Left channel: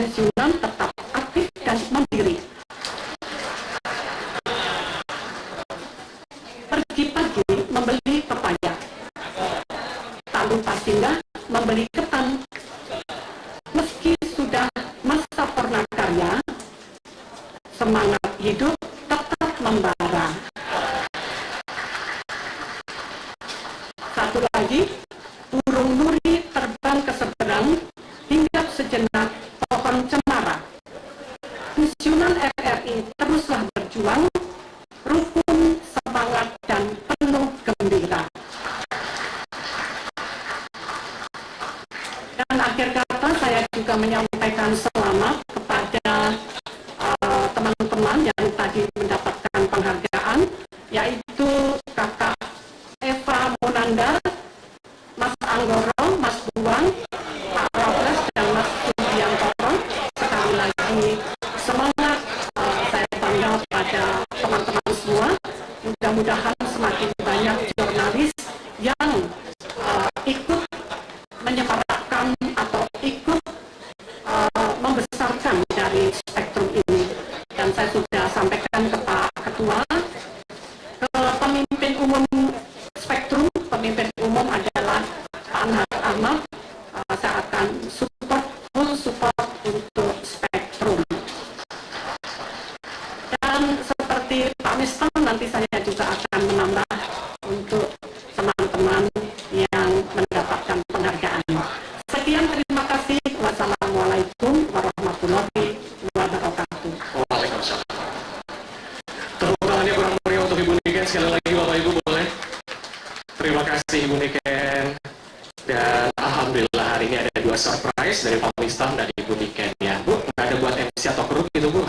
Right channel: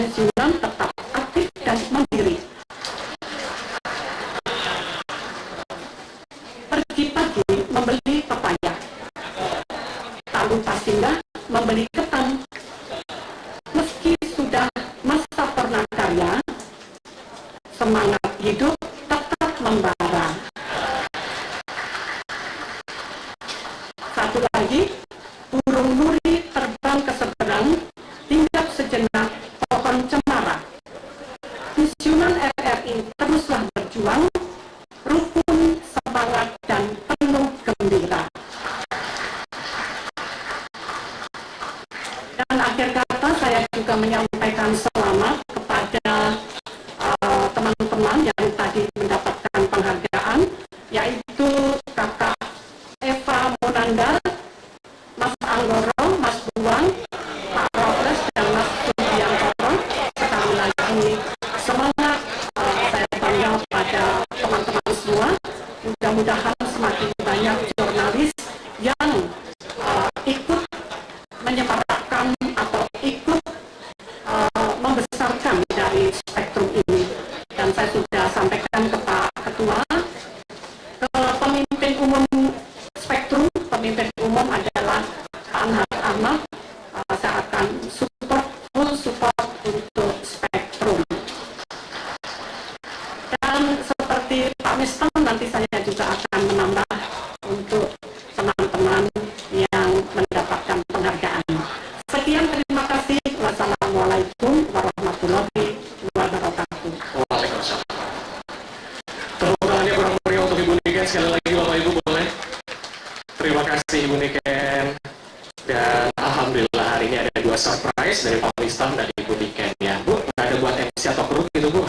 pensiunan tetap aktif dan mandiri. Pagi-pagi membeli pepaya, tak lupa singgah membeli ketan. Meski sudah masa prakarya, semangat hidup tetap membara. Satu lagi, burung nuri terbang ke seberang, hinggap sejenak pohon cemara. Pensiunan RRI teruslah berjuang, rukun, semangat, dan penuh gembira. Dan akhir kata saya juga menyampaikan selamat kepada teman-teman yang tadi mendapatkan penghargaan, yaitu Kakak Eva Monanda, Mas Anggoro, Mas Buang, Pak Robles, dan Mas Subiantoro. Sekali lagi semangat, saya bangga pada teman-teman semua. Mudah-mudahan semakin banyak jurnalis yang ikut menyemarakkan atau ikut membesarkan dari Spektrum ini. Dan saya sudah sampaikan ke Pak Ketua, ke pemimpin umum Spektrum. Pemimpin umum adalah Pak Anhar Ahmad. Saya akan full support untuk Spektrum. Dan seperti Pak Mistam, nanti saya juga akan menambah untuk teman-teman yang mendapatkan penghargaan. Sekian, terima kasih. Wassalamualaikum warahmatullahi wabarakatuh. Waalaikumsalam. Tepuk tangannya kurang meriah untuk Ibu Niken. Sekali lagi Bapak Ibu boleh. Terima kasih Ibu Niken. Dan alhamdulillah hari ini ada 2 surprise dari Pak Mistam dan Ibu Niken ya. Bu, nggak ada buat MC atau kru gitu Bu.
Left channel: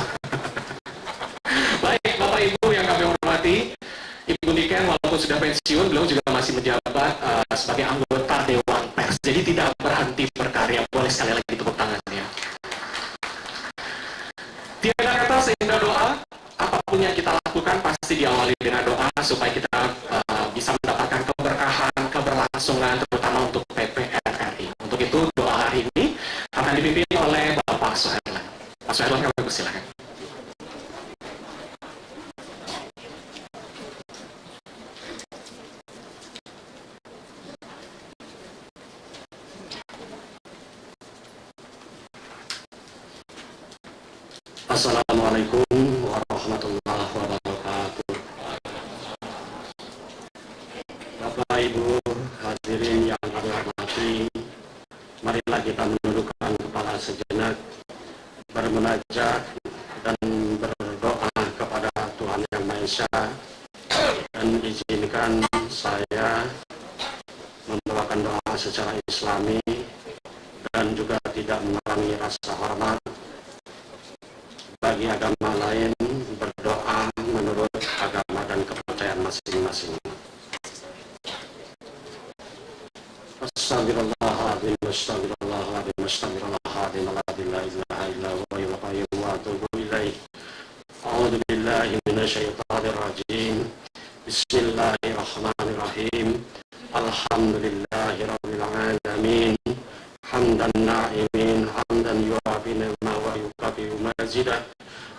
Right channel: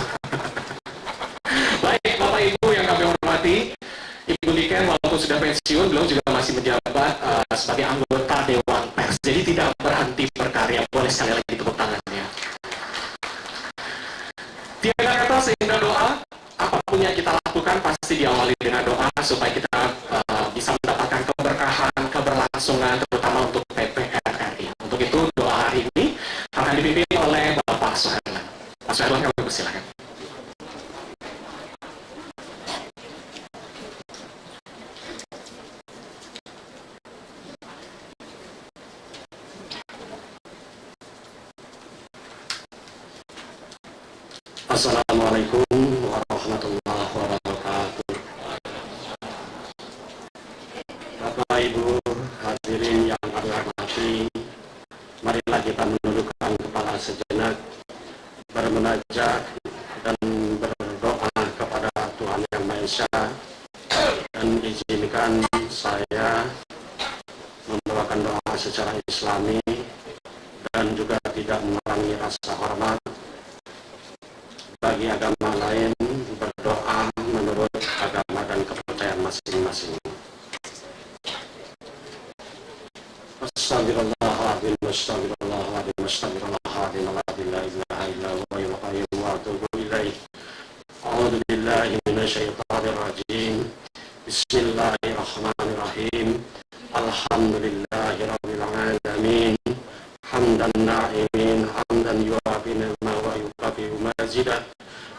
Baik Bapak Ibu yang kami hormati, Ibu Niken walaupun sudah pensiun, beliau juga masih menjabat sebagai anggota Dewan Pers. Jadi tidak berhenti berkarya. Boleh sekali lagi tepuk tangannya. Tiada kata seindah doa, apapun yang kita lakukan pasti diawali dengan doa supaya kita bisa mendapatkan keberkahan, keberlangsungan, terutama untuk PPRRI. Untuk itu doa hari ini akan dipimpin oleh Bapak Soherlan. Pak Soherlan, kami persilakan. Assalamualaikum warahmatullahi wabarakatuh. Bapak Ibu hadirin yang kami hormati, marilah kita menundukkan kepala sejenak, bermunajat dan berdoa kepada Tuhan Yang Maha Esa, dan izinkan saya membawakan doa secara Islami dan juga tidak mengurangi rasa hormat bagi agama lain, berdoa menurut agama dan kepercayaan masing-masing. Astagfirullahaladzim, astagfirullahaladzim, astagfirullahaladzim, la ilaha illa huwa al qayyum wa atubu ilaih. A'udzu billahi minasyaitonir rajim. Bismillahirrahmanirrahim. Alhamdulillahirabbil alamin. Hamdan na'imin, hamdan yuafi ni'ma wa yukafi mazidah.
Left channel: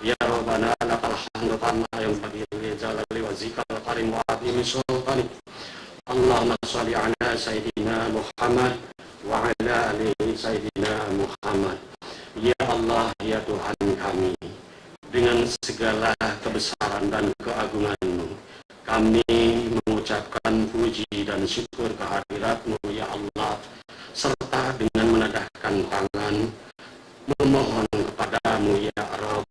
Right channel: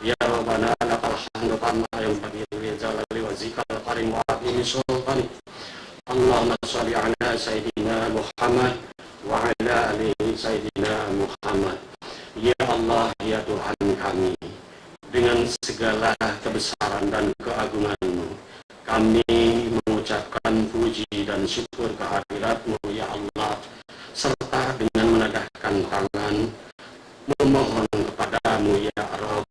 Ya Rabbana lakal hamdu kama yanbaghi li jalali wajhikal karim wa azimi sultani. Allahumma shalli ala sayyidina Muhammad wa ala alihi sayyidina Muhammad. Ya Allah, ya Tuhan kami, dengan segala kebesaran dan keagungan-Mu, kami mengucapkan puji dan syukur kehadirat-Mu ya Allah, serta dengan menadahkan tangan memohon kepadamu ya Rabb.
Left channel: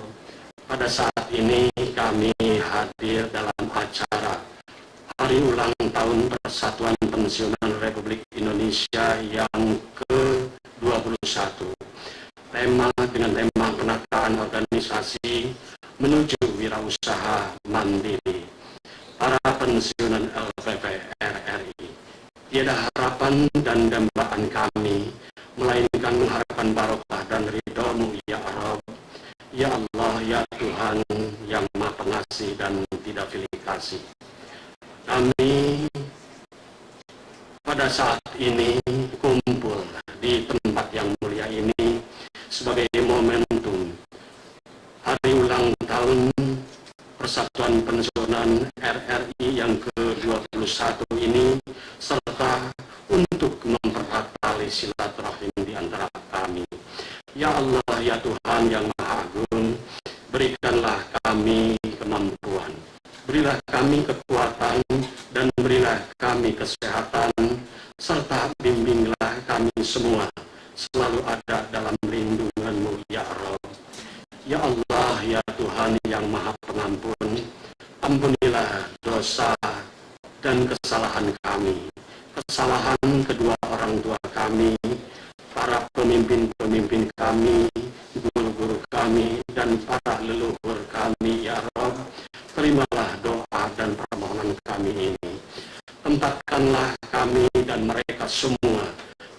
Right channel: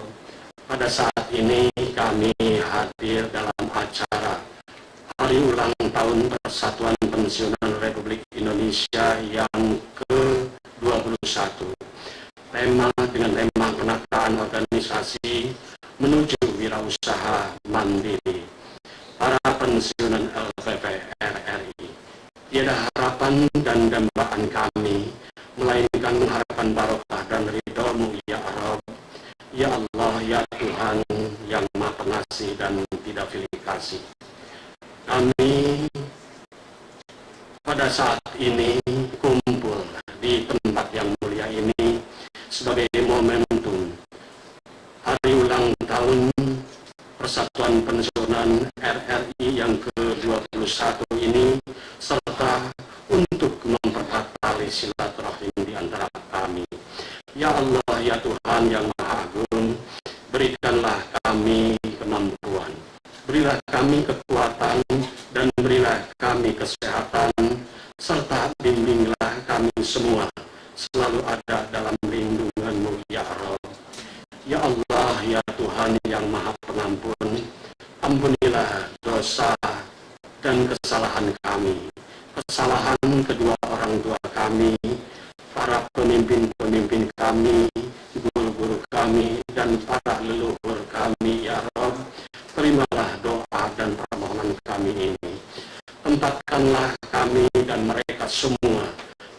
Pada saat ini kami hadir dalam acara Hari Ulang Tahun Persatuan Pensiunan Republik Indonesia yang ke-21. Dengan tema penataan organisasi menuju wirausaha mandiri para pensiunan LPPRRI. Tiada harapan dan dambaan kami, melainkan mengharapkan barokah dan ridho-Mu ya Rabb. Ya Allah, ya Tuhan yang Maha Pengasih dan tidak pilih kasih. Kami pada saat ini kumpul di tempat yang mulia ini sebagai momentum hari ulang tahun Persatuan Pensiunan RRI yang ke-21 ini, serta untuk mempererat tali silaturahim di antara kami. Ya Allah, ya Tuhan yang Maha Agung, berikanlah kami kemampuan, berilah kami kekuatan, dan berilah kami kesehatan, serta bimbinglah kami semua selalu ada dalam lindungan-Mu, ya Rabb. Ya Allah, ya Tuhan yang Maha Pengampun, ampunilah dosa dan kesalahan kami, kesalahan kedua orang tua kami, para pemimpin-pemimpin kami, guru-guru kami, dan para leluhur kami, ya Rabb. Terimalah doa dan permohonan kami ini. Tempatkanlah kami dan mereka semua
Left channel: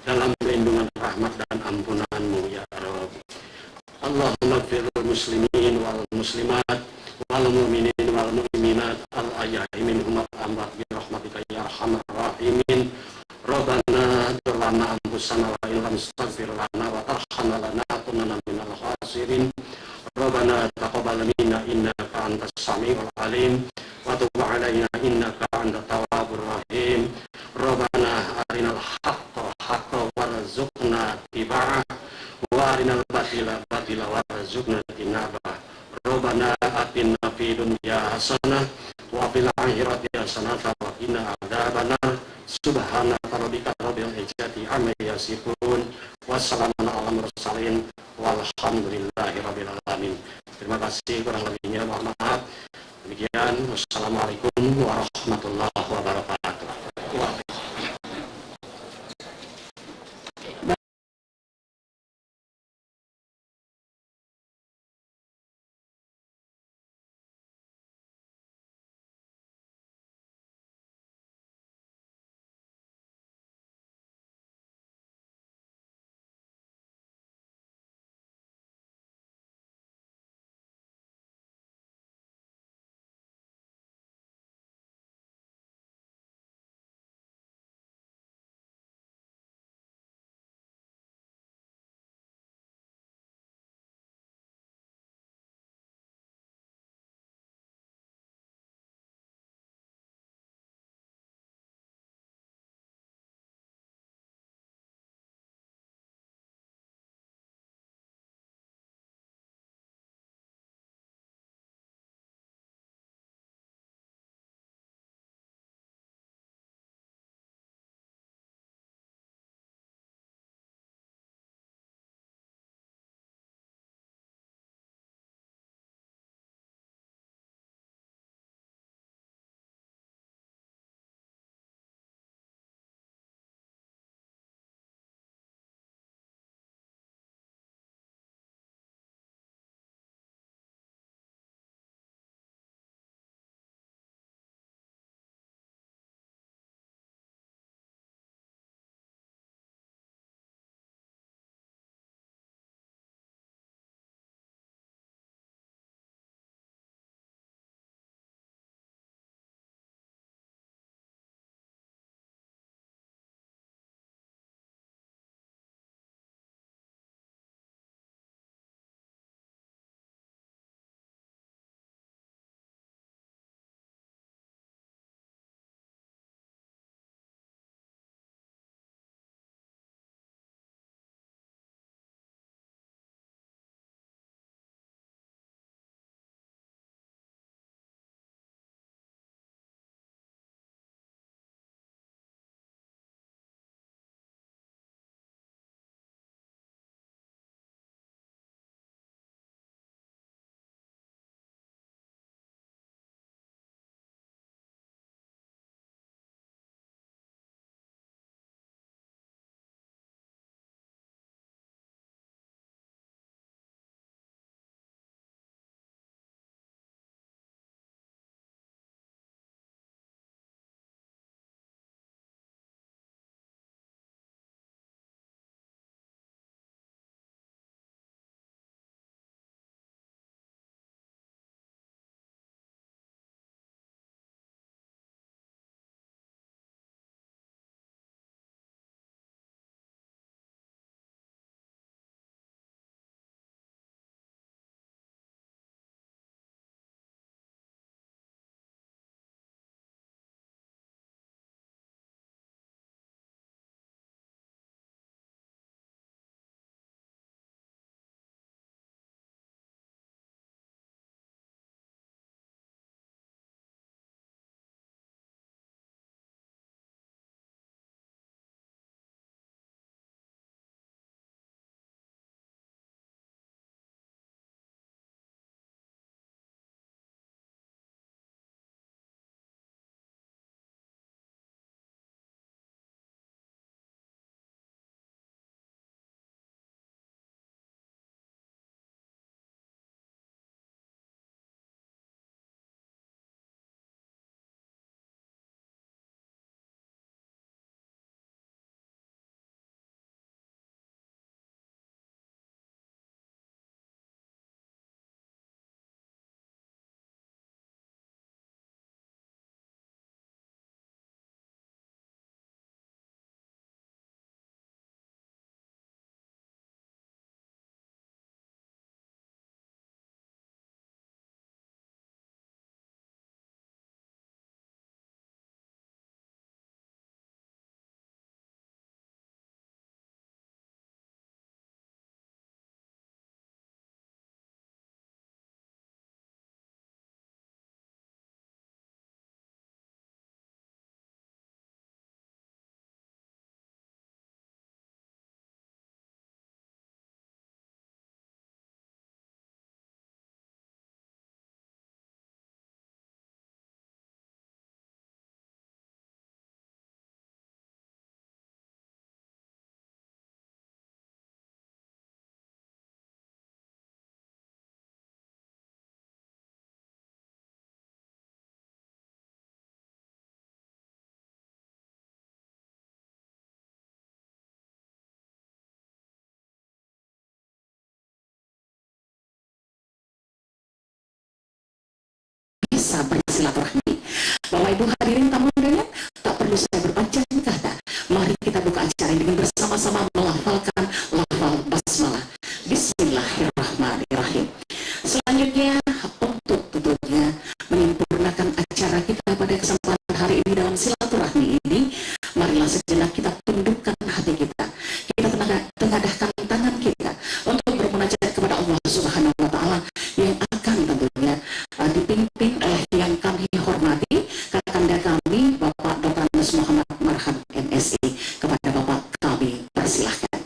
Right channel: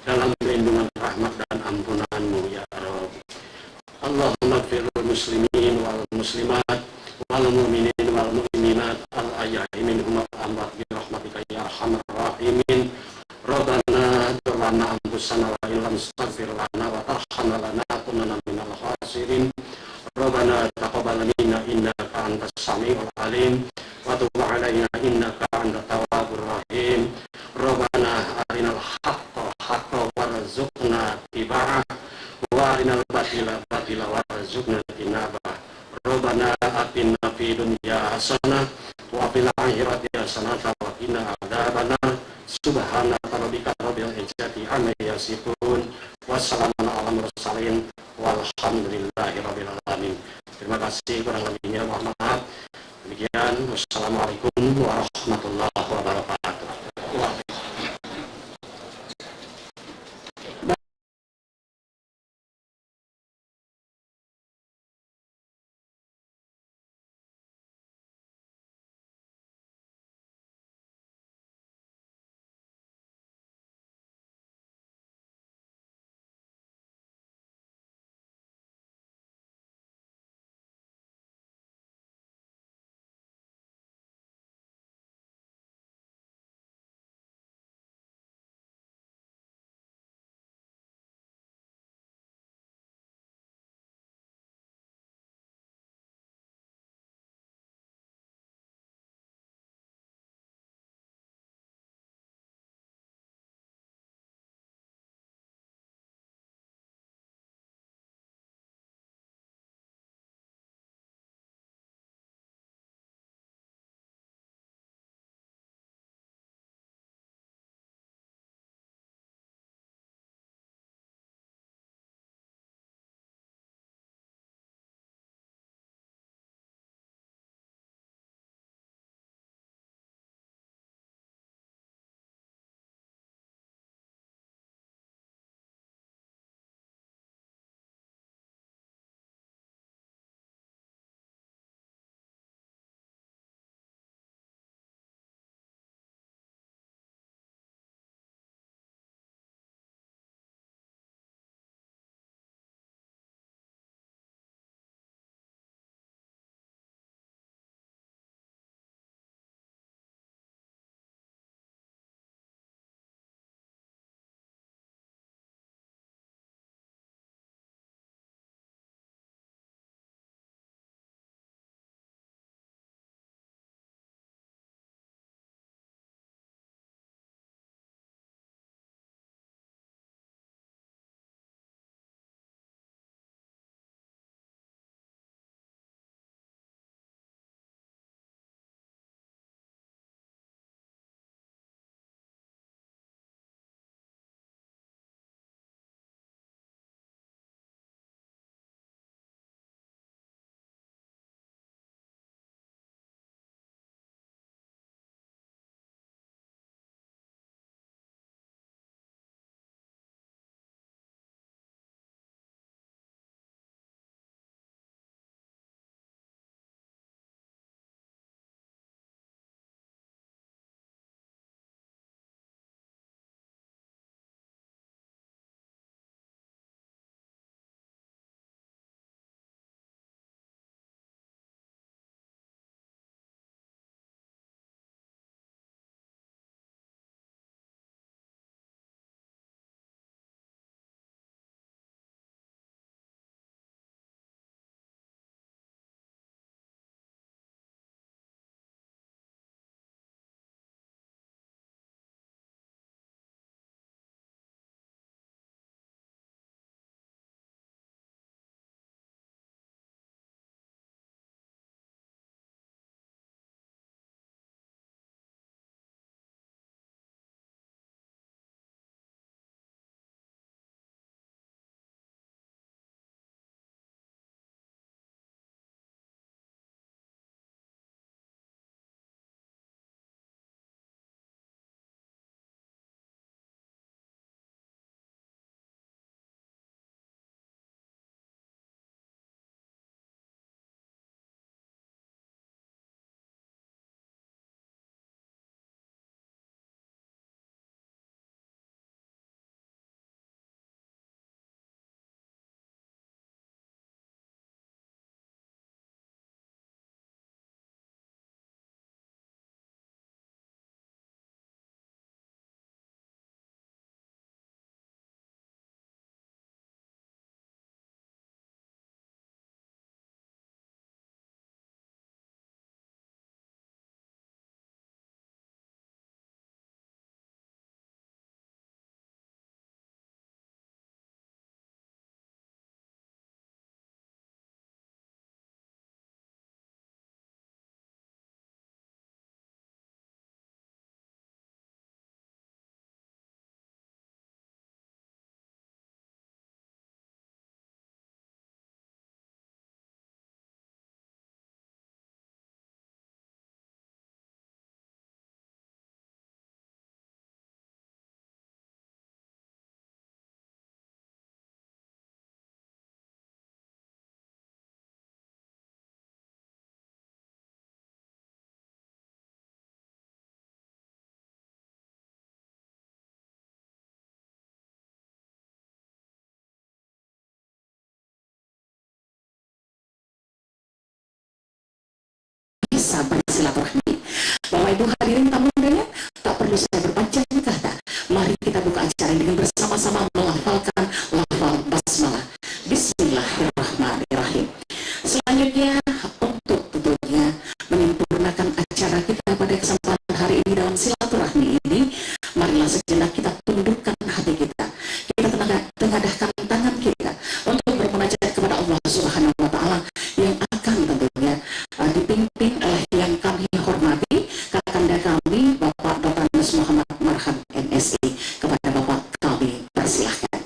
dalam lindungan rahmat dan ampunan-Mu, ya Rabb. Allahumma firul muslimin wal muslimat wal mu'minin wal mu'minat al ahya'i minhum wal amwat bi rahmatika ya arhamar rahimin. Rabbana dzlamna anfusana wa illam taghfir lana wa tarhamna lanakunanna minal khasirin. Rabbana taqabbal minna innaka antas samiul alim wa tub alaina innaka antat tawwabur rahim. Rabbana arinal haqqa haqqan warzuqna ittiba'ah wa arinal batila batila warzuqna tinabah. Rabbana atina fid dunya hasanah wa fil akhirati hasanah wa qina adzabannar. Subhana rabbika rabbil izzati amma yasifun. Wassalamun ala mursalin walhamdulillahi rabbil alamin. Terima kasih, kurang lebihnya mohon maaf. Demikian, wassalamualaikum warahmatullahi wabarakatuh. bisa bersilaturahmi. Bapak Ibu hadirin tamu undangan, tak perlu saya berpanjang kata. Mari kita buka acara ini dengan bersama-sama melafalkan lafal basmalah. Bismillahirrahmanirrahim. Selanjutnya untuk tentunya menyempurnakan acara kita pada kesempatan hari ini dalam silaturahmi ini, marilah sejenak kita tundukkan hati kita. Kita tengadahkan tangan kita untuk bermunajat kepada Allah Subhanahu wa Ta'ala yang akan tentunya dipimpin oleh yang kami hormati, kakanda kami Bapak Dr. Andes Muhammad Marham MSI. Kepada Bapak kami persilahkan.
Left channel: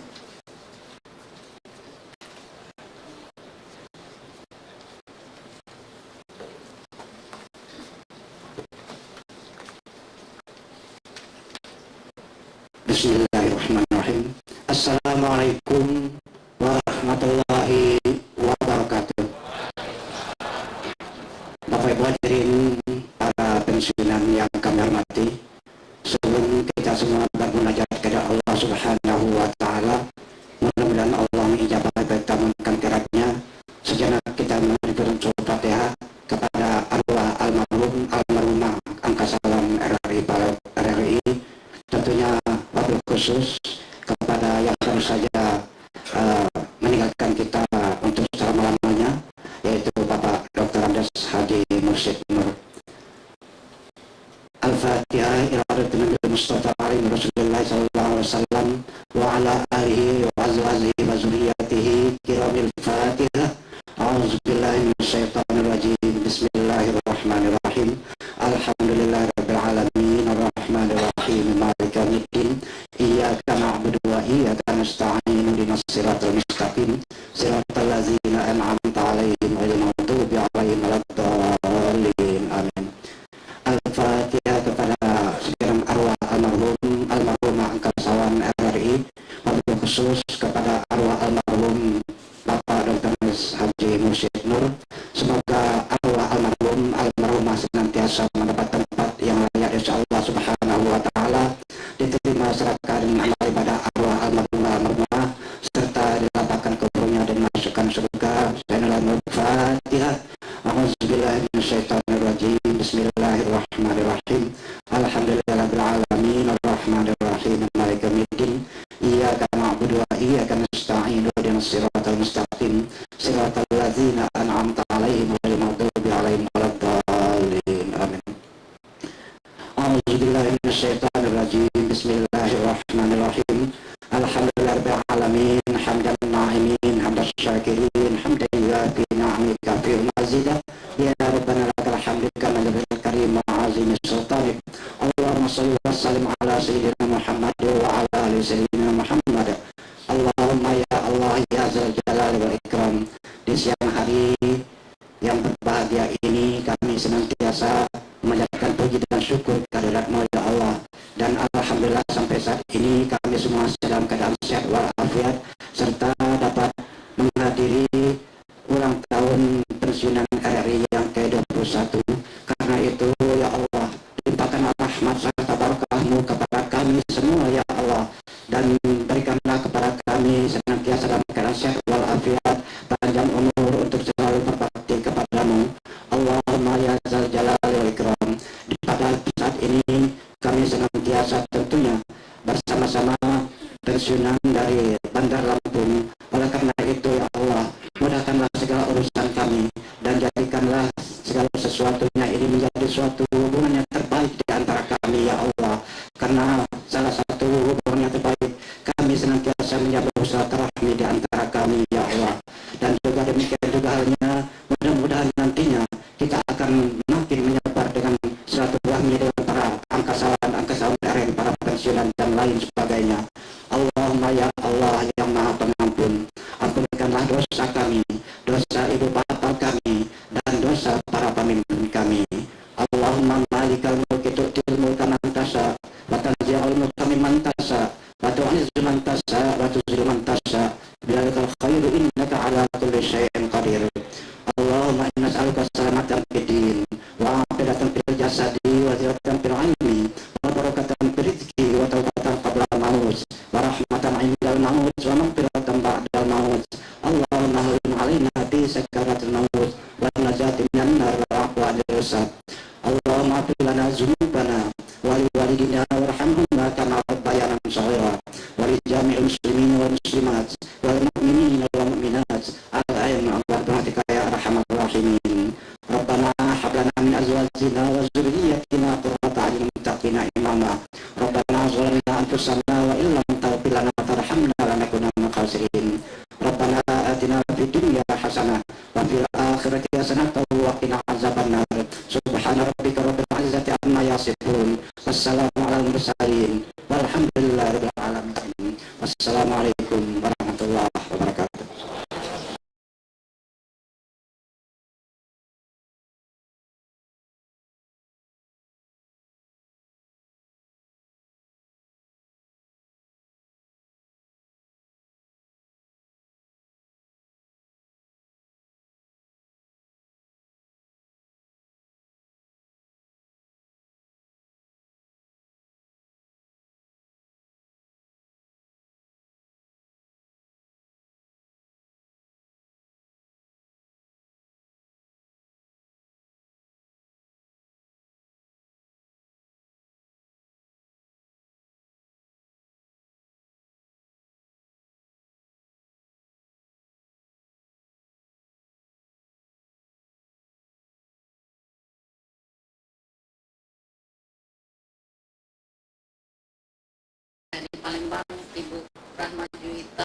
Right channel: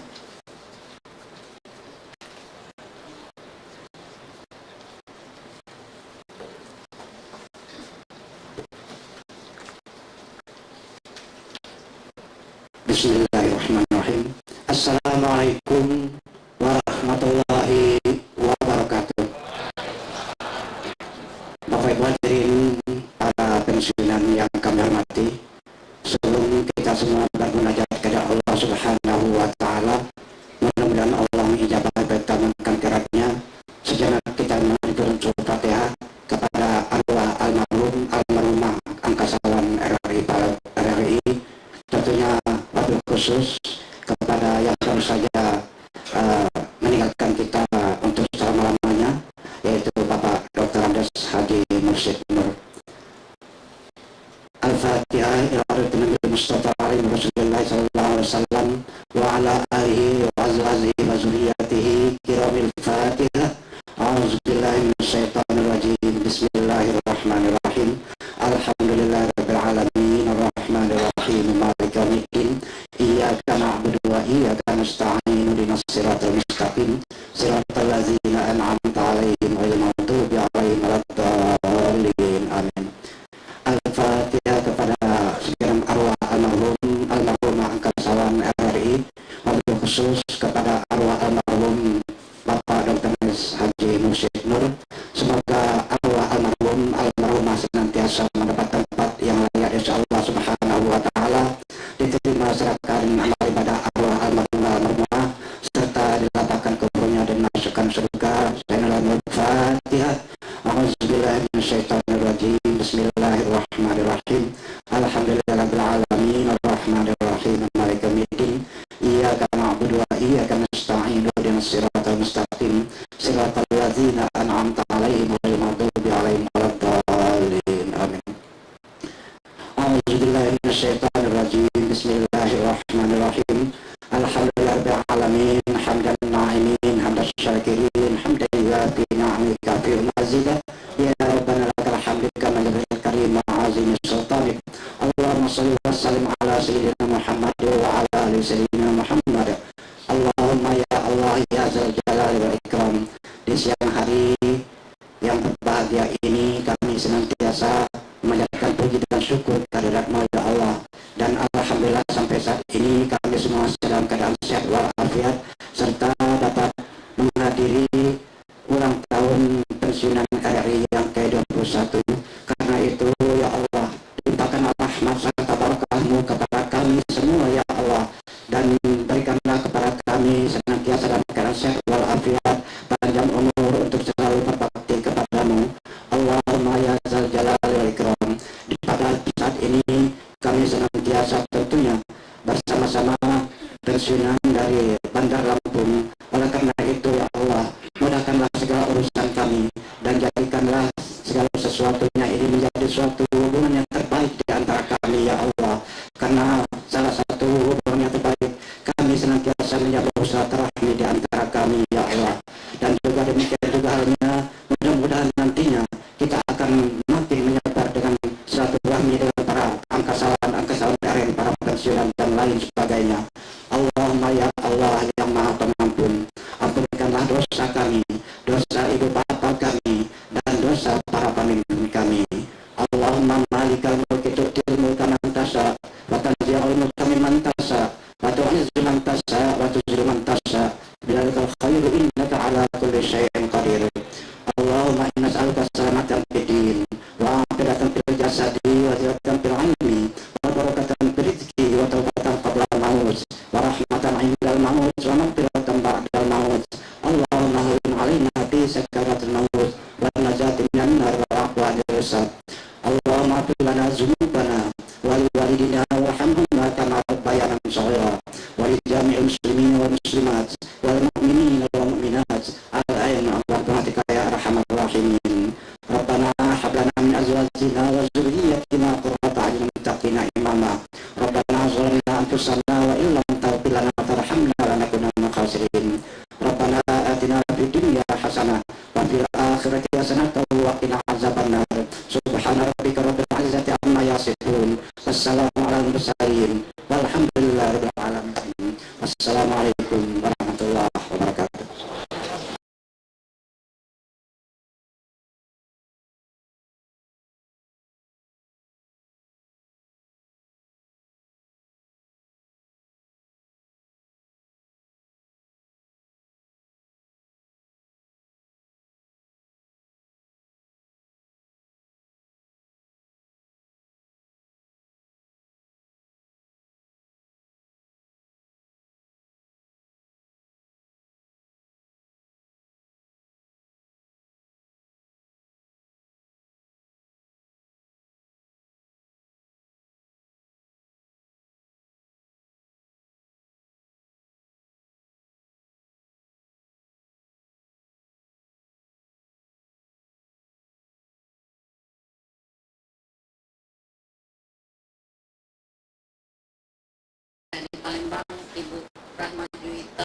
Bismillahirrahmanirrahim. Assalamualaikum warahmatullahi wabarakatuh. Bapak Ibu hadirin para pensiunan yang kami hormati, sebelum kita semua bermunajat kepada Allah Subhanahu wa Ta'ala, mudah-mudahan Allah mengijabah pertemuan kiratnya. Sejenak kita mengaturkan surat Fatihah kepada arwah almarhum almarhumah Angkasalam RRI, tentunya wabil khusus kepada yang baru saja meninggalkan kita untuk selama-lamanya, yaitu Bapak Dr. Andes Haji Mursyid Nur. Al-Fatihah ila Nabi Mustafa alaihi Rasulullah sallallahu alaihi wasallam wa ala alihi wa azwajihi wa zurriyyatihi kiramil Fatihah. A'udzubillahi minasyaitonir rajim. Bismillahirrahmanirrahim. Alhamdulillahirabbil alamin arrahmanir rahim maliki yaumiddin. Iyyaka na'budu wa iyyaka nasta'in ihdinas siratal mustaqim siratal ladzina an'amta 'alaihim ghairil maghdubi 'alaihim waladdallin. Amin. Al-Fatihah kepada segenap arwah almarhumah Angkasawan RRI, wabil khusus kepada arwah almarhum Bapak Dr. Haji Mursyid Nur. Semoga arwah almarhumah senantiasa mendapat tempat yang layak insya Allah Subhanahu wa Ta'ala, diterima serahkan amal ibadah arwah almarhumah serta dilapangkan kuburnya dan masukkan surga. Al-Fatihah. A'udzubillahi minasyaitonir rajim. Bismillahirrahmanirrahim. Alhamdulillahirabbil alamin arrahmanir rahim maliki yaumiddin. Iyyaka na'budu wa iyyaka nasta'in ihdinas siratal mustaqim siratal ladzina an'amta 'alaihim ghairil maghdubi 'alaihim waladdallin. Amin. A'udzubillahi minasyaitonir rajim. Bismillahirrahmanirrahim. Alhamdulillahirabbil alamin hamdan na'imin hamdas syakirin hamdan yuafi ni'amika fi mazidah. Ya Rabbana lakal hamdu kama jalla karim azim sultanik. Allahumma shalli wa sallim ala sayyidina Muhammad wa ala ali sayyidina Muhammad. Allahumma ya Allah ya zal jalali wal ikram. Di siang hari yang berbahagia ini kami senantiasa memanjatkan puji dan syukur kehadirat-Mu ya Allah, dan alhamdulillah sampai saat ini kami semua dalam keadaan sehat walafiat serta dapat menghadiri ulang tahun pensiunan RRI yang ke-21. Karena itu ya Allah, limpahkanlah rahmat serta barakah-Mu kepada kami semua ya Allah, dan berikanlah kepada kami senantiasa dalam keadaan sehat walafiat, panjang umur untuk selalu berbakti kepadamu. Allahumma ya zal jalali wal ikram. Pada saat ini kami senantiasa tentunya bersama-sama pensiunan dari Bandar Lampung. Oleh karena itu ya Allah, mudahkanlah segala urusan kami dan jadikanlah segala sesuatunya ini menjadi suatu hubungan yang terbaik di antara kami ya Allah. Karena salah satu hubungan yang terbaik, kami senantiasa menjaga silaturahmi di antara kami ya Allah. Dan juga demikian juga halnya, mudah-mudahan nantinya kita akan makin menyebar dengan silaturahmi dengan para angkasawan RRI, para pensiunan dan lain sebagainya. Allahumma ya Allah yang maha pengampun, ampunkanlah dosa kami, dosa ibu bapa kami, dan dosa para pemimpin kami. Allahumma malikal mulki tu'til mulka man tasha wa tanzi'ul mulka mimman tasha wa tu'izzu man tasha wa tuzillu man tasha biladikal khairu innaka ala kulli syai'in qadir. Allahumma inna nas'aluka salamatan fid din wa afiyatan fil jasadi wa ziyadatan fil ilmi wa barakatan fil rizqi wa tawbatan qabla al-maut wa rahmatan 'indal maut wa maghfiratan ba'dal maut. Allahumma hawwin 'alaina fi sakaratil maut wa najati minan nar wa aqwa al-sar. hasanah wa fil akhirati hasanah wa qina azabannar. Subhana rabbika rabbil izzati amma yasifun. Wassalamu ala mursalin. Walhamdulillahi rabbil alamin. Wassalamualaikum warahmatullahi wabarakatuh. Dari Palembang, Ibu Rahma Juwita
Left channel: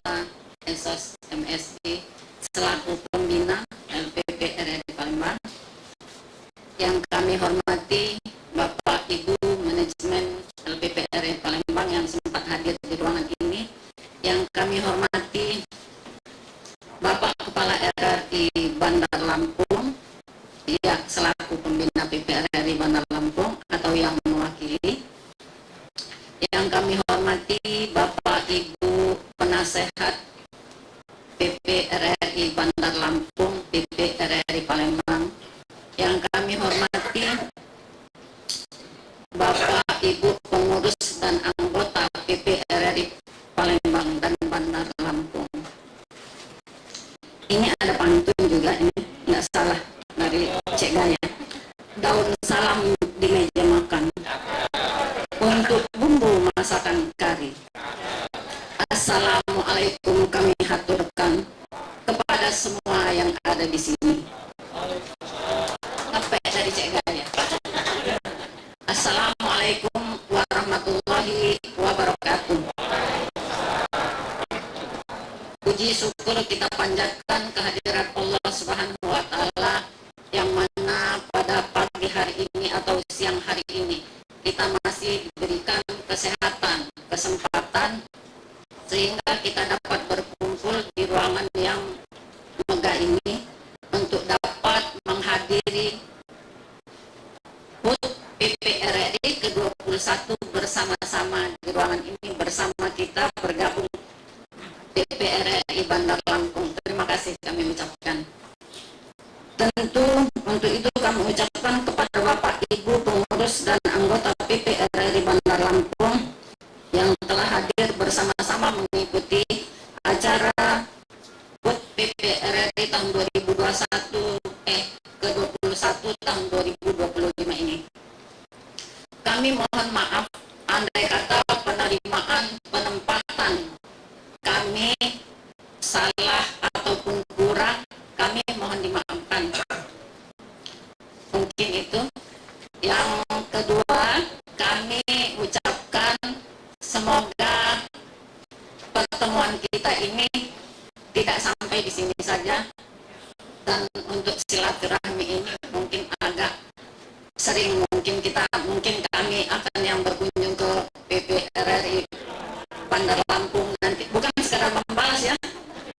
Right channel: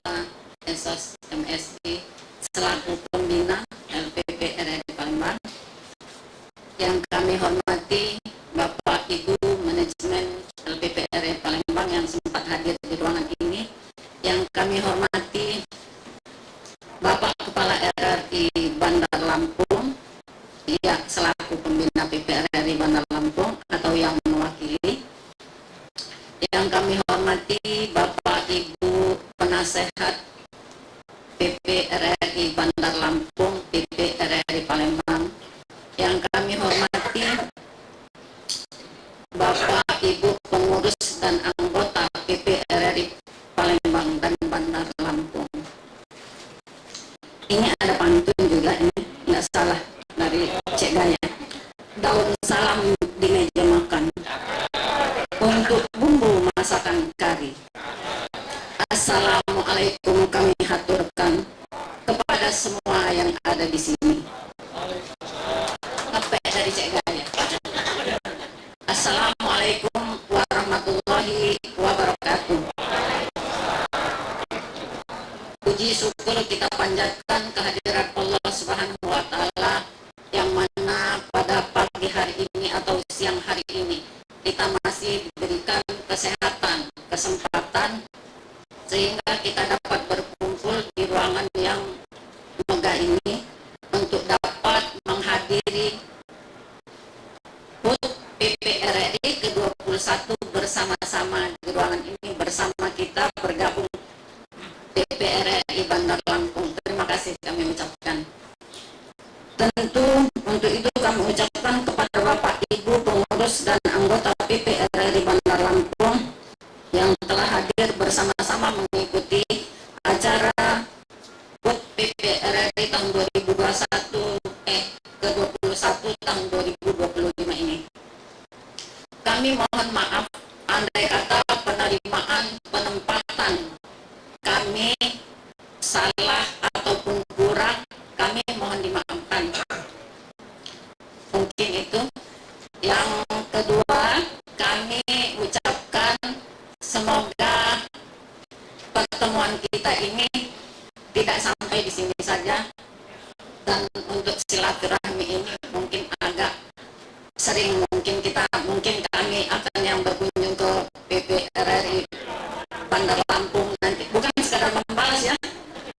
Esos MSI selaku pembina LPP RRI Palembang. Yang kami hormati Bapak Ibu manajemen LPP RRI Palembang yang sempat hadir di ruangan ini. Yang kami hormati Bapak Kepala RRI Bandar Lampung, ya selaku pembina PPRRI Bandar Lampung atau yang mewakili. Yang kami hormati Bapak Ibu penasehat PPRRI Bandar Lampung, PPRRI Palembang. Yang kami hormati Bapak Ibu pengurus dan anggota PPRRI Palembang dan Bandar Lampung. Ini ada pantun juga, ini nggak salah dari Cek Gaya. Daun salam di meja makan untuk bumbu masakan kari. Assalamualaikum kami haturkan kepada semua yang ada di sini. Apa dari Cek Gaya? Assalamualaikum warahmatullahi wabarakatuh. Puji syukur kita panjatkan kehadirat Allah Subhanahu wa Ta'ala, yang mana pada pagi hari ini atau siang hari ini kita masih diberikan kesehatan, kesempatan sehingga kita dapat berkumpul di ruangan yang megah ini untuk dapat menghadiri HUT PPRRI ke-21 bersama-sama di ruangan ini. Bersama kita bergabung PPRRI Bandar Lampung. Terima kasih kami ucapkan. Tentu untuk itu kami ucapkan kepada Bapak Ibu pengurus dan anggota PPRRI Bandar Lampung yang telah hadir bersama-sama mengikuti acara HUT PPRRI tahun 2021 ke-21 tahun 2025 ini. Kami mohon maaf andai kata penerimaan penempatan kami salah ataupun kurang, kami mohon dimaafkan. Mungkin itu. Yang kedua, kami ucapkan semoga pertemuan kita ini tidak sampai di sini saja, dan untuk silaturahmi ini mungkin agak sering, mungkin kami akan yang berkunjung ke PPRRI Bandar Lampung nanti, bukan sekadar membalas ya,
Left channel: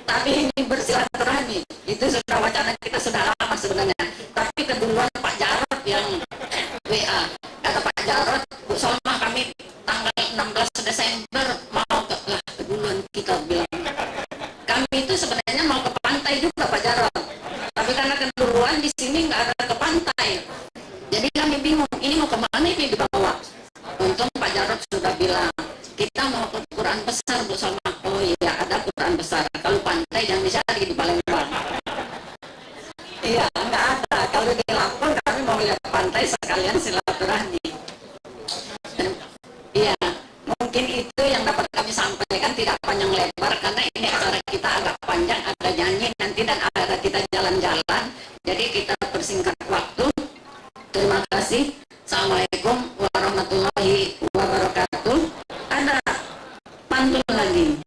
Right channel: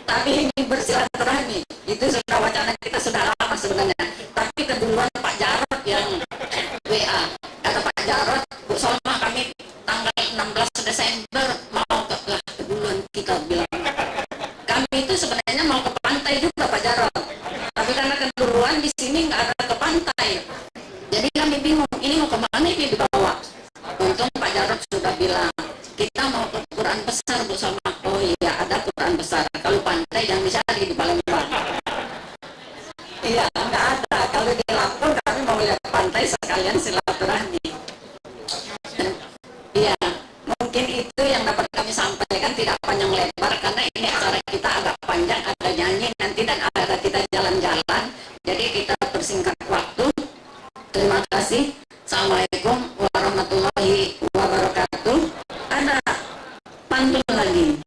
tapi ini bersilaturahmi. Itu sudah wacana kita sudah lama sebenarnya, tapi keduluan Pak Jarod yang WA, kata Pak Jarod, Bu Solma kami tanggal 16 Desember mau ke, lah keduluan kita bilang. Kami itu sebenarnya mau ke pantai juga Pak Jarod, tapi karena keduluan di sini nggak ada ke pantai, jadi kami bingung ini mau kemana ini dibawa. Untung Pak Jarod sudah bilang kita mau ke Quran besar Bu Solma. Oh iya, ada Quran besar, kalau pantai jangan dicari di Palembang. Iya, nggak ada. Kalau di Lampung kami mau lihat pantai sekalian silaturahmi. Iya, mungkin itu yang dapat kami sampaikan, tidak panjang lebar karena ini acara kita agak panjang, ada nyanyi nanti dan ada kita jalan-jalan. Jadi kita persingkat waktu. Terima kasih. Assalamualaikum warahmatullahi wabarakatuh. Ada pantun lagi.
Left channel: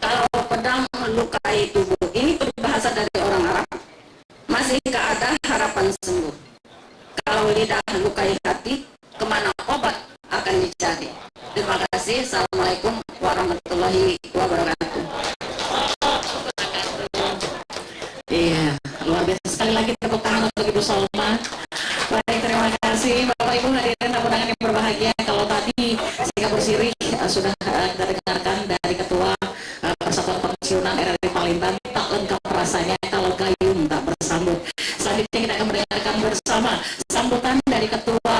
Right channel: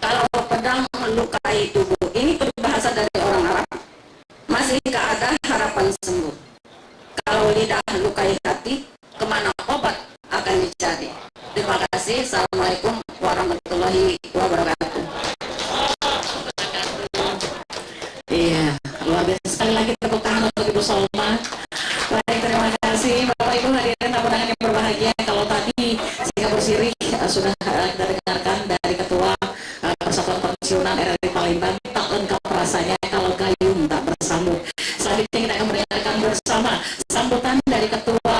Kalau pedang lukai tubuh. Ini peribahasa dari orang Arab. Masihkah ada harapan sembuh? Kalau lidah lukai hati, kemana obat akan dicari? Terima kasih. Assalamualaikum warahmatullahi wabarakatuh. Iya, luar biasa sekali lagi tepuk tangan untuk Ibu Solma. Baik, terima kasih Bapak Ibu hadirin tamu undangan yang berbahagia. Kalau tadi Singapura Sirih sudah kita dengarkan dari Ketua Persatuan Pensiunan RRI Palembang, tak lengkap rasanya kalau gayung tak bersambut. Selanjutnya kita akan mendengarkan bersama sambutan dari Ketua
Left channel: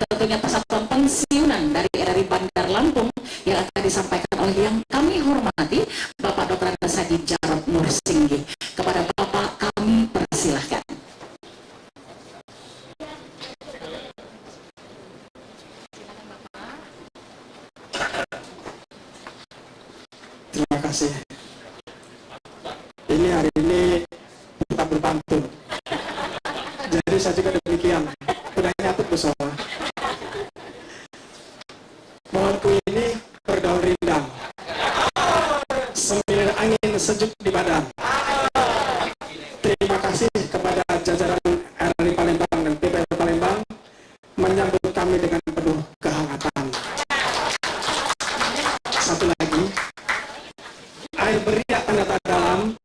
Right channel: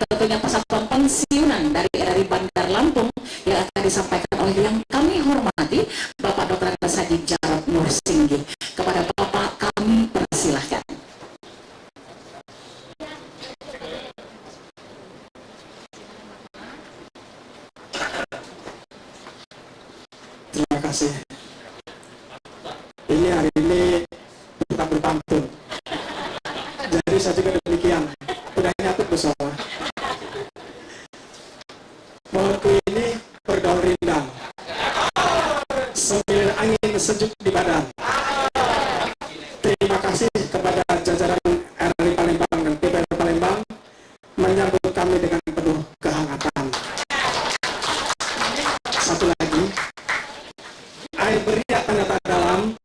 tentunya Persatuan Pensiunan dari RRI Bandar Lampung yang akan disampaikan oleh yang kami hormati Bapak Dr. Andes Haji Jarod Nursinggi. Kepada Bapak kami persilahkan. Terima kasih. Ini hari ini kita berpantun. Jadi saya juga demikian. Udah nyatut bersama. Pohonku ini berdaun rindang. Sambil angin sejuk di badan. Terima kasih kepada jajaran RRI Palembang dan PPR Palembang menyambut kami dengan penuh kehangatan. Satu lagi, air beriak tanda dalam,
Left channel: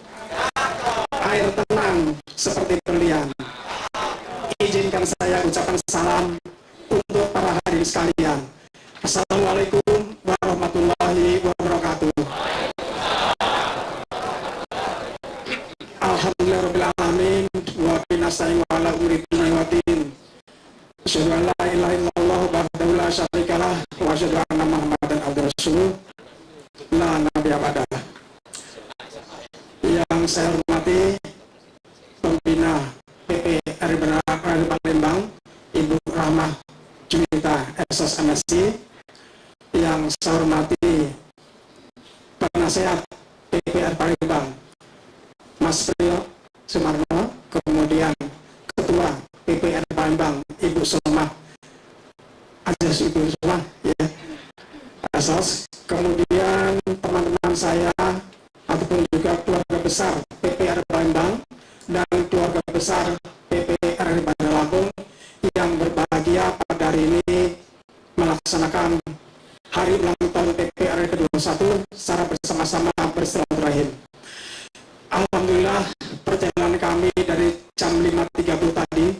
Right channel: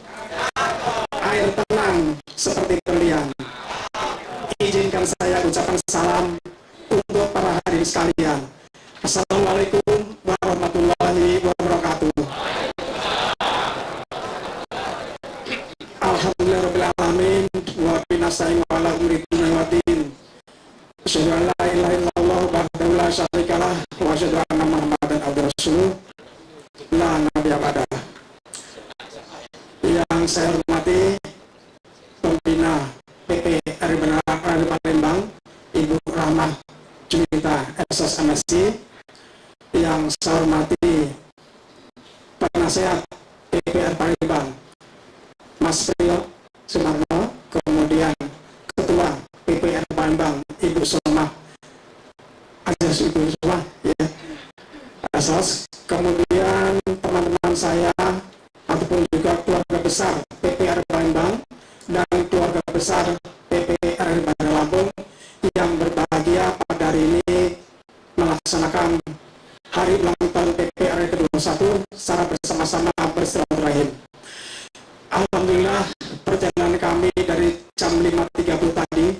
air tenang seperti berlian. Izinkan saya ucapkan salam untuk para hadirin sekalian. Assalamualaikum warahmatullahi wabarakatuh. Alhamdulillahirrahmanirrahim. Wa binasa'in wa ala umri dunia wa din. Asyhadu an la ilaha illallah wahdahu la syarikalah wa asyhadu anna Muhammadan abduhu rasuluh. La nabiyya ba'dah. Yang saya hormati pembina PPRI Palembang, Ibu Rahmah Junita SS MSc. Yang saya hormati penasehat PPR Palembang, Mas Priyo Sumarno, kemudian Ketua PPR Palembang, Ibu Solma, Ajas Ibu Solma, ya, Asos. Kemudian teman-teman saya ataupun juga keluarga besar PPR Palembang dan keluarga besar PPR Bandar Lampung yang berbahagia pada hari ini melaksanakan hari ulang tahun PPR ke-21 secara bersama-sama bersilaturahim. Alhamdulillah perjalanan kami dari jam 5.30 tadi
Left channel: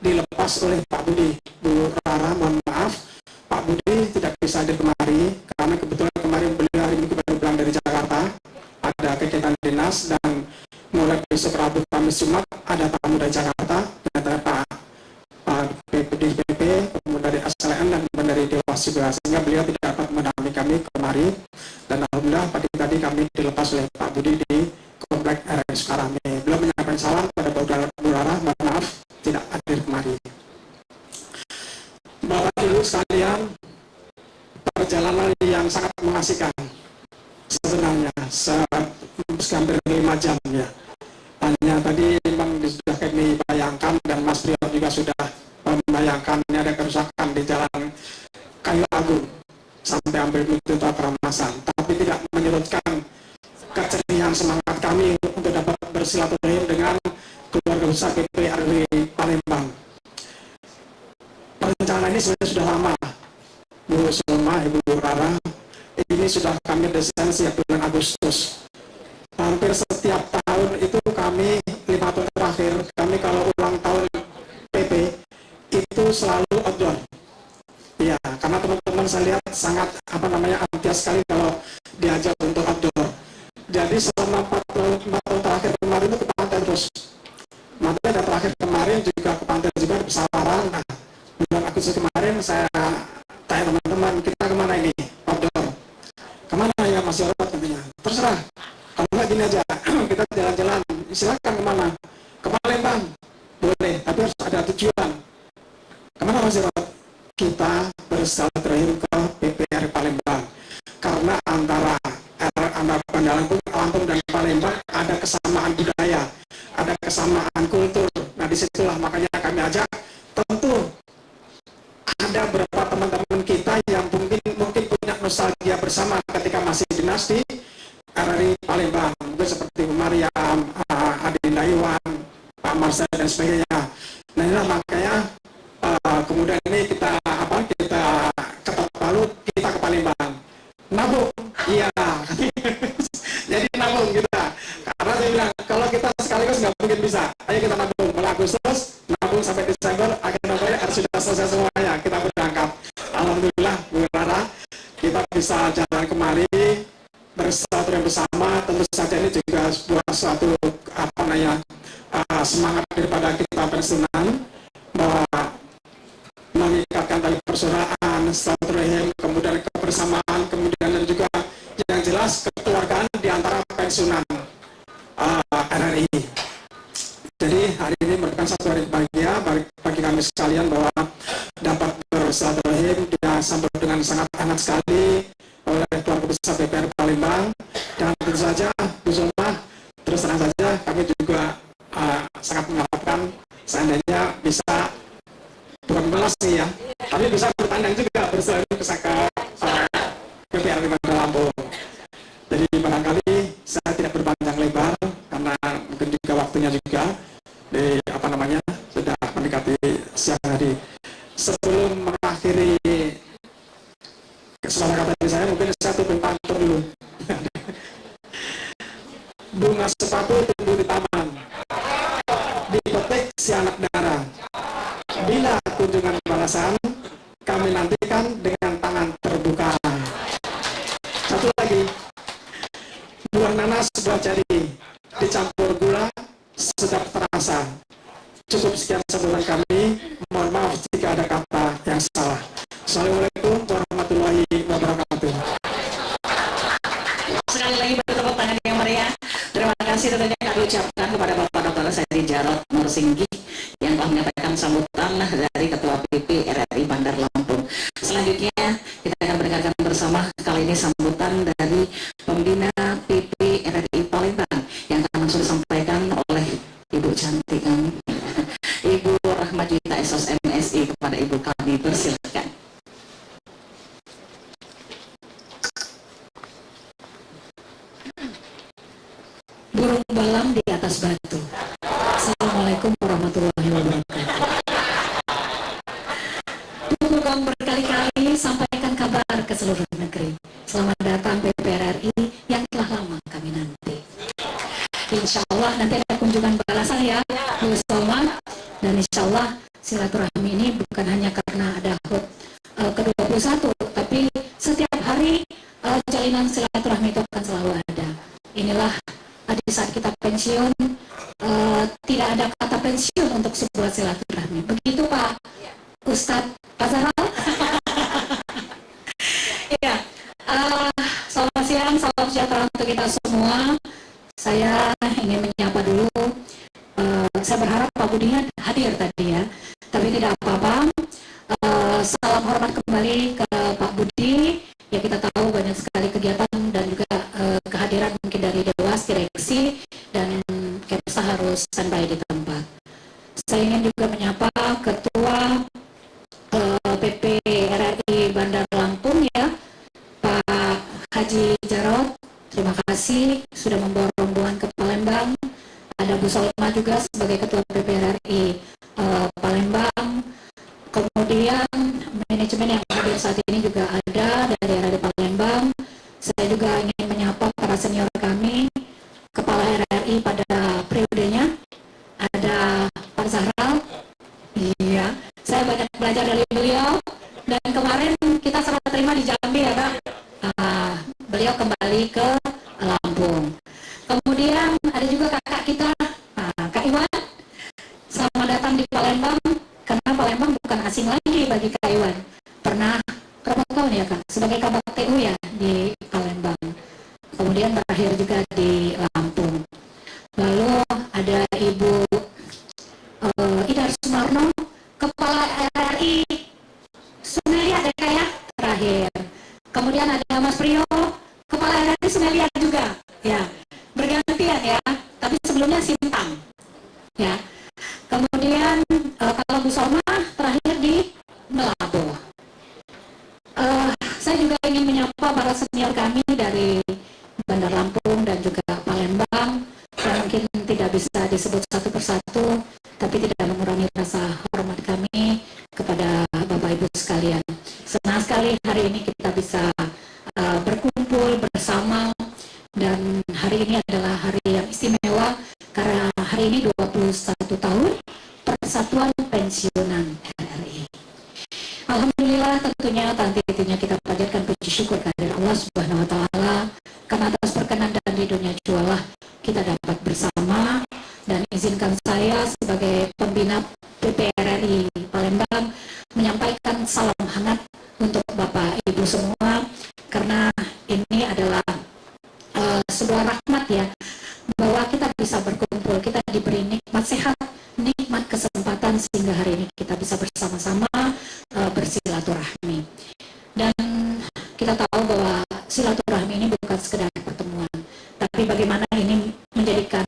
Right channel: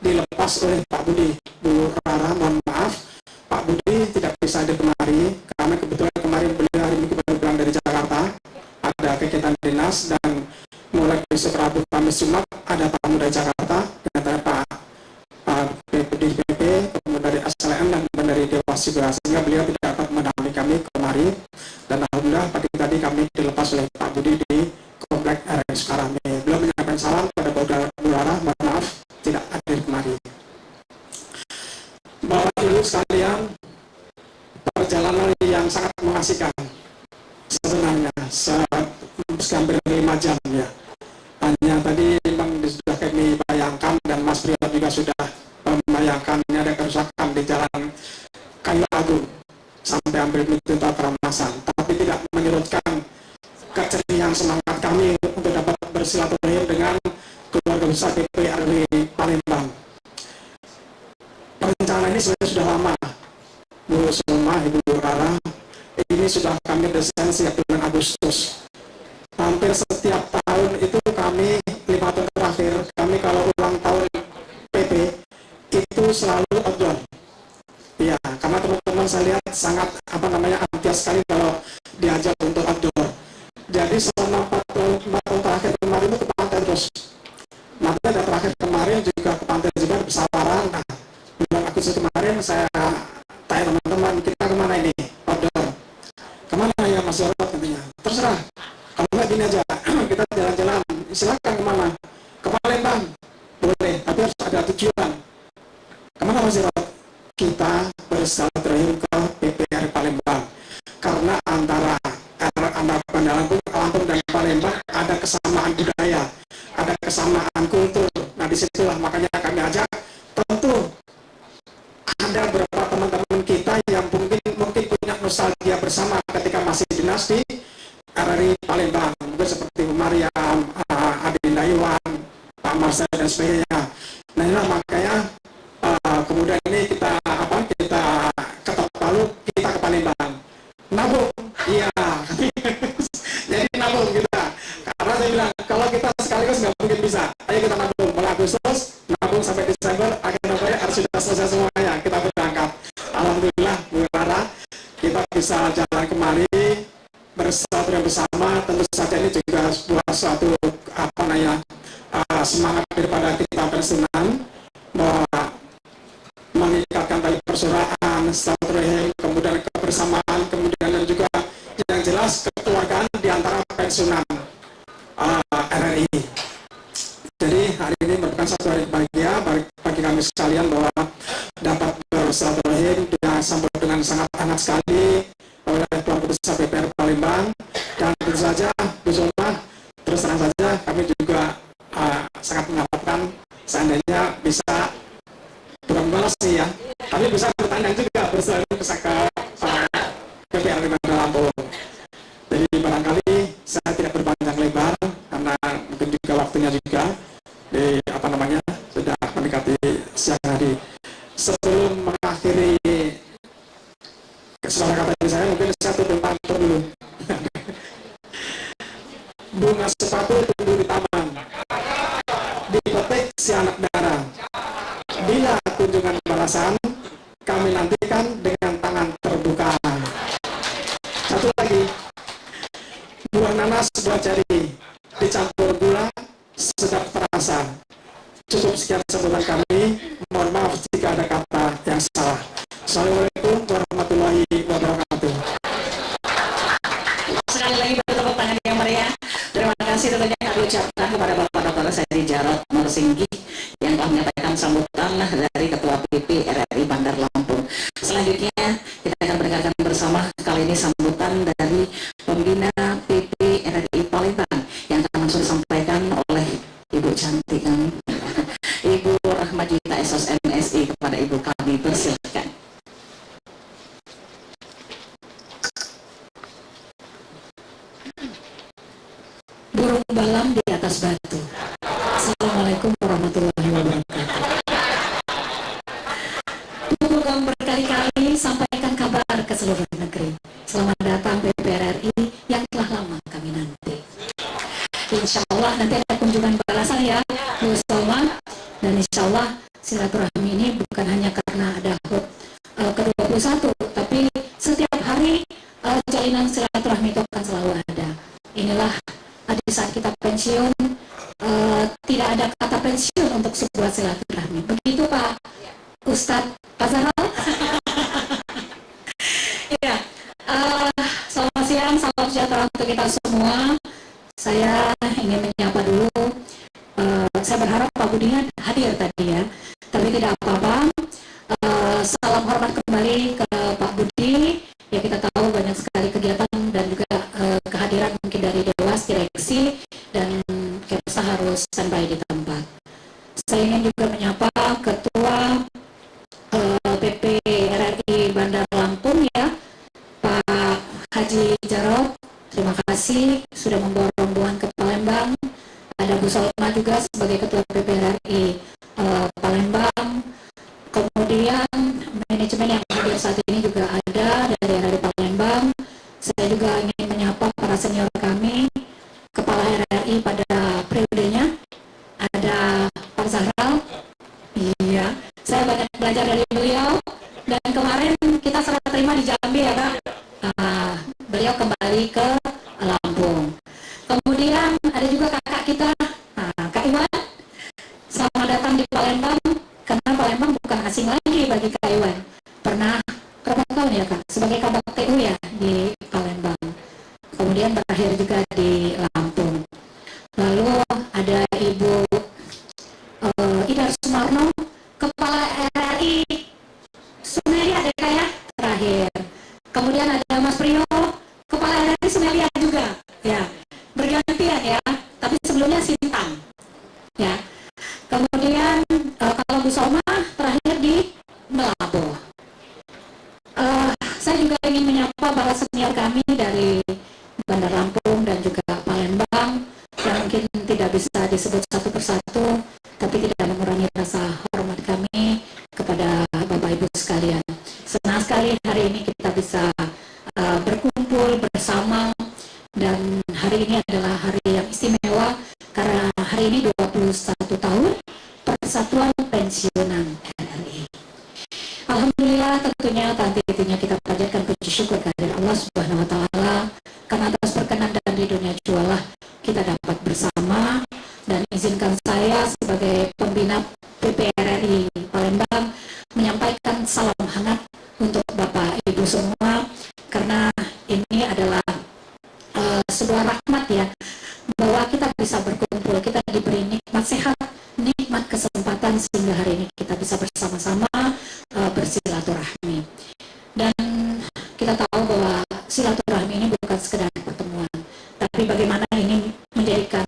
dilepas oleh Pak Budi. Bu Rara, mohon maaf, Pak Budi tidak bisa hadir kemari karena kebetulan kemarin beliau hari Minggu baru pulang dari Jakarta, ada kegiatan dinas, dan mulai besok Rabu Kamis Jumat ada tamu dari Jakarta, dan Pak PP, kemudian dari SLM dan kemudian dari Dewas juga, sehingga beliau tidak dapat menemani kami kemari. Dan alhamdulillah pagi tadi kami dilepas oleh Pak Budi di Komplek RRI Sukarame. Beliau menyampaikan salam kepada Bu Rara, mohon maaf tidak hadir kemari. Bapak Ibu sekalian, perjalanan yang sangat mengasihkan sebenarnya, hampir 5 jam ya. Hanya tadi memang sudah kami bayangkan dan Mas Priyo juga sudah membayangkan ini ada kerusakan di jalan Kayu Agung sampai hampir menuju Keramasan, tapi tidak menyurutkan keceriaan semangat kami untuk dapat bersilaturahim dengan keluarga besar PPRI Palembang. Perencanaan ini sebenarnya sudah lama, Bu Sulma, Ibu Rara, ini sudah kami desain sejak bulan Agustus. Hampir setiap tahun itu kami 5 tahun terakhir, kami kalau ulang tahun PP itu selalu outdoor. Ya, karena teman-teman saya lihat sangat antusias sekali kalau diajak untuk outdoor. Jadi selama 4 tahun terakhir kemarin itu ke pantai terus. Nanti ada terakhir kemarin juga ke pantai juga di Pesawaran. Nah, bulan Agustus kemarin saya tanya teman-teman, kita kemana ini? Outdoor. Kemana ya Mas Jarod katanya? Terserah. Kalau nggak gini aja, kita jalan-jalan. Silakan kemana? Ke Palembang. Boleh, tapi harus ada tujuan. Kemana Mas Jarod? Kita bersilaturahim ke PPR Palembang. Karena antara Bandar Lampung dan Palembang ada kesamaan budaya, ada kesamaan kultur. Nah disitulah makanya kami ajak. Tentu ada beberapa teman-teman kita yang mungkin punya nostalgia bersama ketika masih dinas di RRI Palembang. dan sebagainya. Nah inilah makanya kemudian ini kita ketok palu, kita ke Palembang nabung, iya. Jadi nabung kita, karena saya bilang kalau kita sekaligus nggak mungkin bisa. Ayo kita nabung mulai Agustus, nabung sampai Desember, akhir November harus sudah selesai semuanya, kita berangkat. Alhamdulillah Bu Rara, kita bisa jalan kemari bersatu bersama. Tentu saja ini juga sebuah suatu semangat daripada kita pensiunan, mengikatkan tali persaudaraan, silaturahim, kemudian kebersamaan, kemudian dan juga yang jelas kekeluargaan di antara pensiunan RRI. Jadi hari ini merupakan satu hari bahagia bagi kami sekalian bahwa dapat bersilaturahim, disambut dengan sangat hangat sekali oleh Tuan Besar PPR Palembang, dan tentu saja Bu Zulma, terus terang saja kami juga sangat mengharapkan seandainya bisa bukan membalas sih ya, tapi bisa bertandang juga bersilaturahim ke PPR di Bandar Lampung. Jadi barangkali saya tidak berpanjang lebar karena mungkin juga waktunya juga sudah mendekati siang hari. Sebelum mengakhiri kesepakatan ini saya mungkin satu tentang dulu. Bunga sepatu tumbuh di taman, dipetik si anak darah. Bila kunjungan balasan, kami nantikan dengan tangan terbuka. Satu lagi, buah nanas, buah ceri, dicampur gula, sedap terasa. Cukup sekian sambutan kami. Mohon maaf jika ada kata yang salah. Assalamualaikum warahmatullahi wabarakatuh. Sekali lagi bertepuk tangan yang meriah. Terima kasih tentunya kami ucapkan kepada Bapak Dr. Saidi Jarot Nursinggi yang telah menyampaikan sambutan dari Ketua PP RRI Bandar Lampung. Selanjutnya kita akan mendengarkan bersama kali ini sambutan dari Pembina PP RRI Palembang yang akan langsung disampaikan oleh Ibu cantik kami, Ibu Rahma Juwita SOS MSI. Kepada Ibu kami persilakan. Burung balam di atas batu. Assalamualaikum warahmatullahi wabarakatuh. Bukan berkali-kali sampaikan kabar ke seluruh negeri. Selamat datang PPRRI yang telah lama kami nanti. Insya Allah nanti ada kunjungan balasan ya Bu Salman, dan insya Allah silaturahmi ini bukan hanya karena ada HUT ke-21, tapi setiap hari jalinan silaturahmi itu akan selalu ada. Inilah di saat kita pensiun, tidak ada kata pensiun untuk sebuah silaturahmi. Begitu Pak Ustadz Pak Zahral. Ya, selamat siang, salam sejahtera untuk kita semua. Saya ingin menyapa dulu. Saya berharap Pak Budinya hadir tadi ya, tapi tidak apa-apa. Salam hormat kembali ke Pak Budi. Ya, kita tahu banyak sekali kegiatan dan juga kehadiran mungkin dari Dewas, direksi, dan Kepsa harus standby di tempat. Saya ingin juga menyapa Ketua PP RRI Bandar Lampung ya, Pak Haji Jarot. Terima kasih sudah membawa rombongan ke Palembang. Ada Bu Salma juga sebagai Ketua PP RRI Palembang. Kemudian manajemen yang hadir saat ini juga ada dari RRI Palembang. Saya juga ingin menyapa para senior kami, Kepala RRI pada periodenya. Ada Pak Zahral. Iya, saya banyak belajar dari beliau. Dan kemarin kita serah terima di Jambi ya Kak. Beliau kembali ke Lampung. Kemudian ada juga kakak kita, Kak Iwan. Selamat datang di Palembang, karena Palembang bukan asing lagi bagi Kak Iwan. Pernah berapa tahun ya Kak sebagai kabak TU ya di Palembang. Kemudian berakhir juga di Lampung. Lalu ada Ibu Idar Sumarno, Kepala RRI Sumelia ada Kak ya, terakhir. Kemudian ada Mas Priyo, Kepala RRI Sumelia juga, ya, bergantian ya. Tapi sebelumnya Sintang, ya. Kemudian kalau Bu Soma terakhir di Melabuh. Saya juga ingin menyapa para senior kami dari Bandar Lampung dan juga Palembang yang mungkin tidak bisa disebut satu persatu, tapi jualah kita dapat bersama, dan izinkan saya sebagai pembina PPRRI Palembang menyampaikan salam hangat untuk Bapak Ibu semua, karena ini adalah sebuah rahmat ya, bahwa kita bisa berkumpul, kita diberi nikmat sehat, nikmat kesempatan sehingga hari ini kita bisa bersama-sama bersilaturahmi. Dan kita tahu bahwa silaturahmi ini bukan sekedar pertemuan, tapi bagaimana ini menjadikan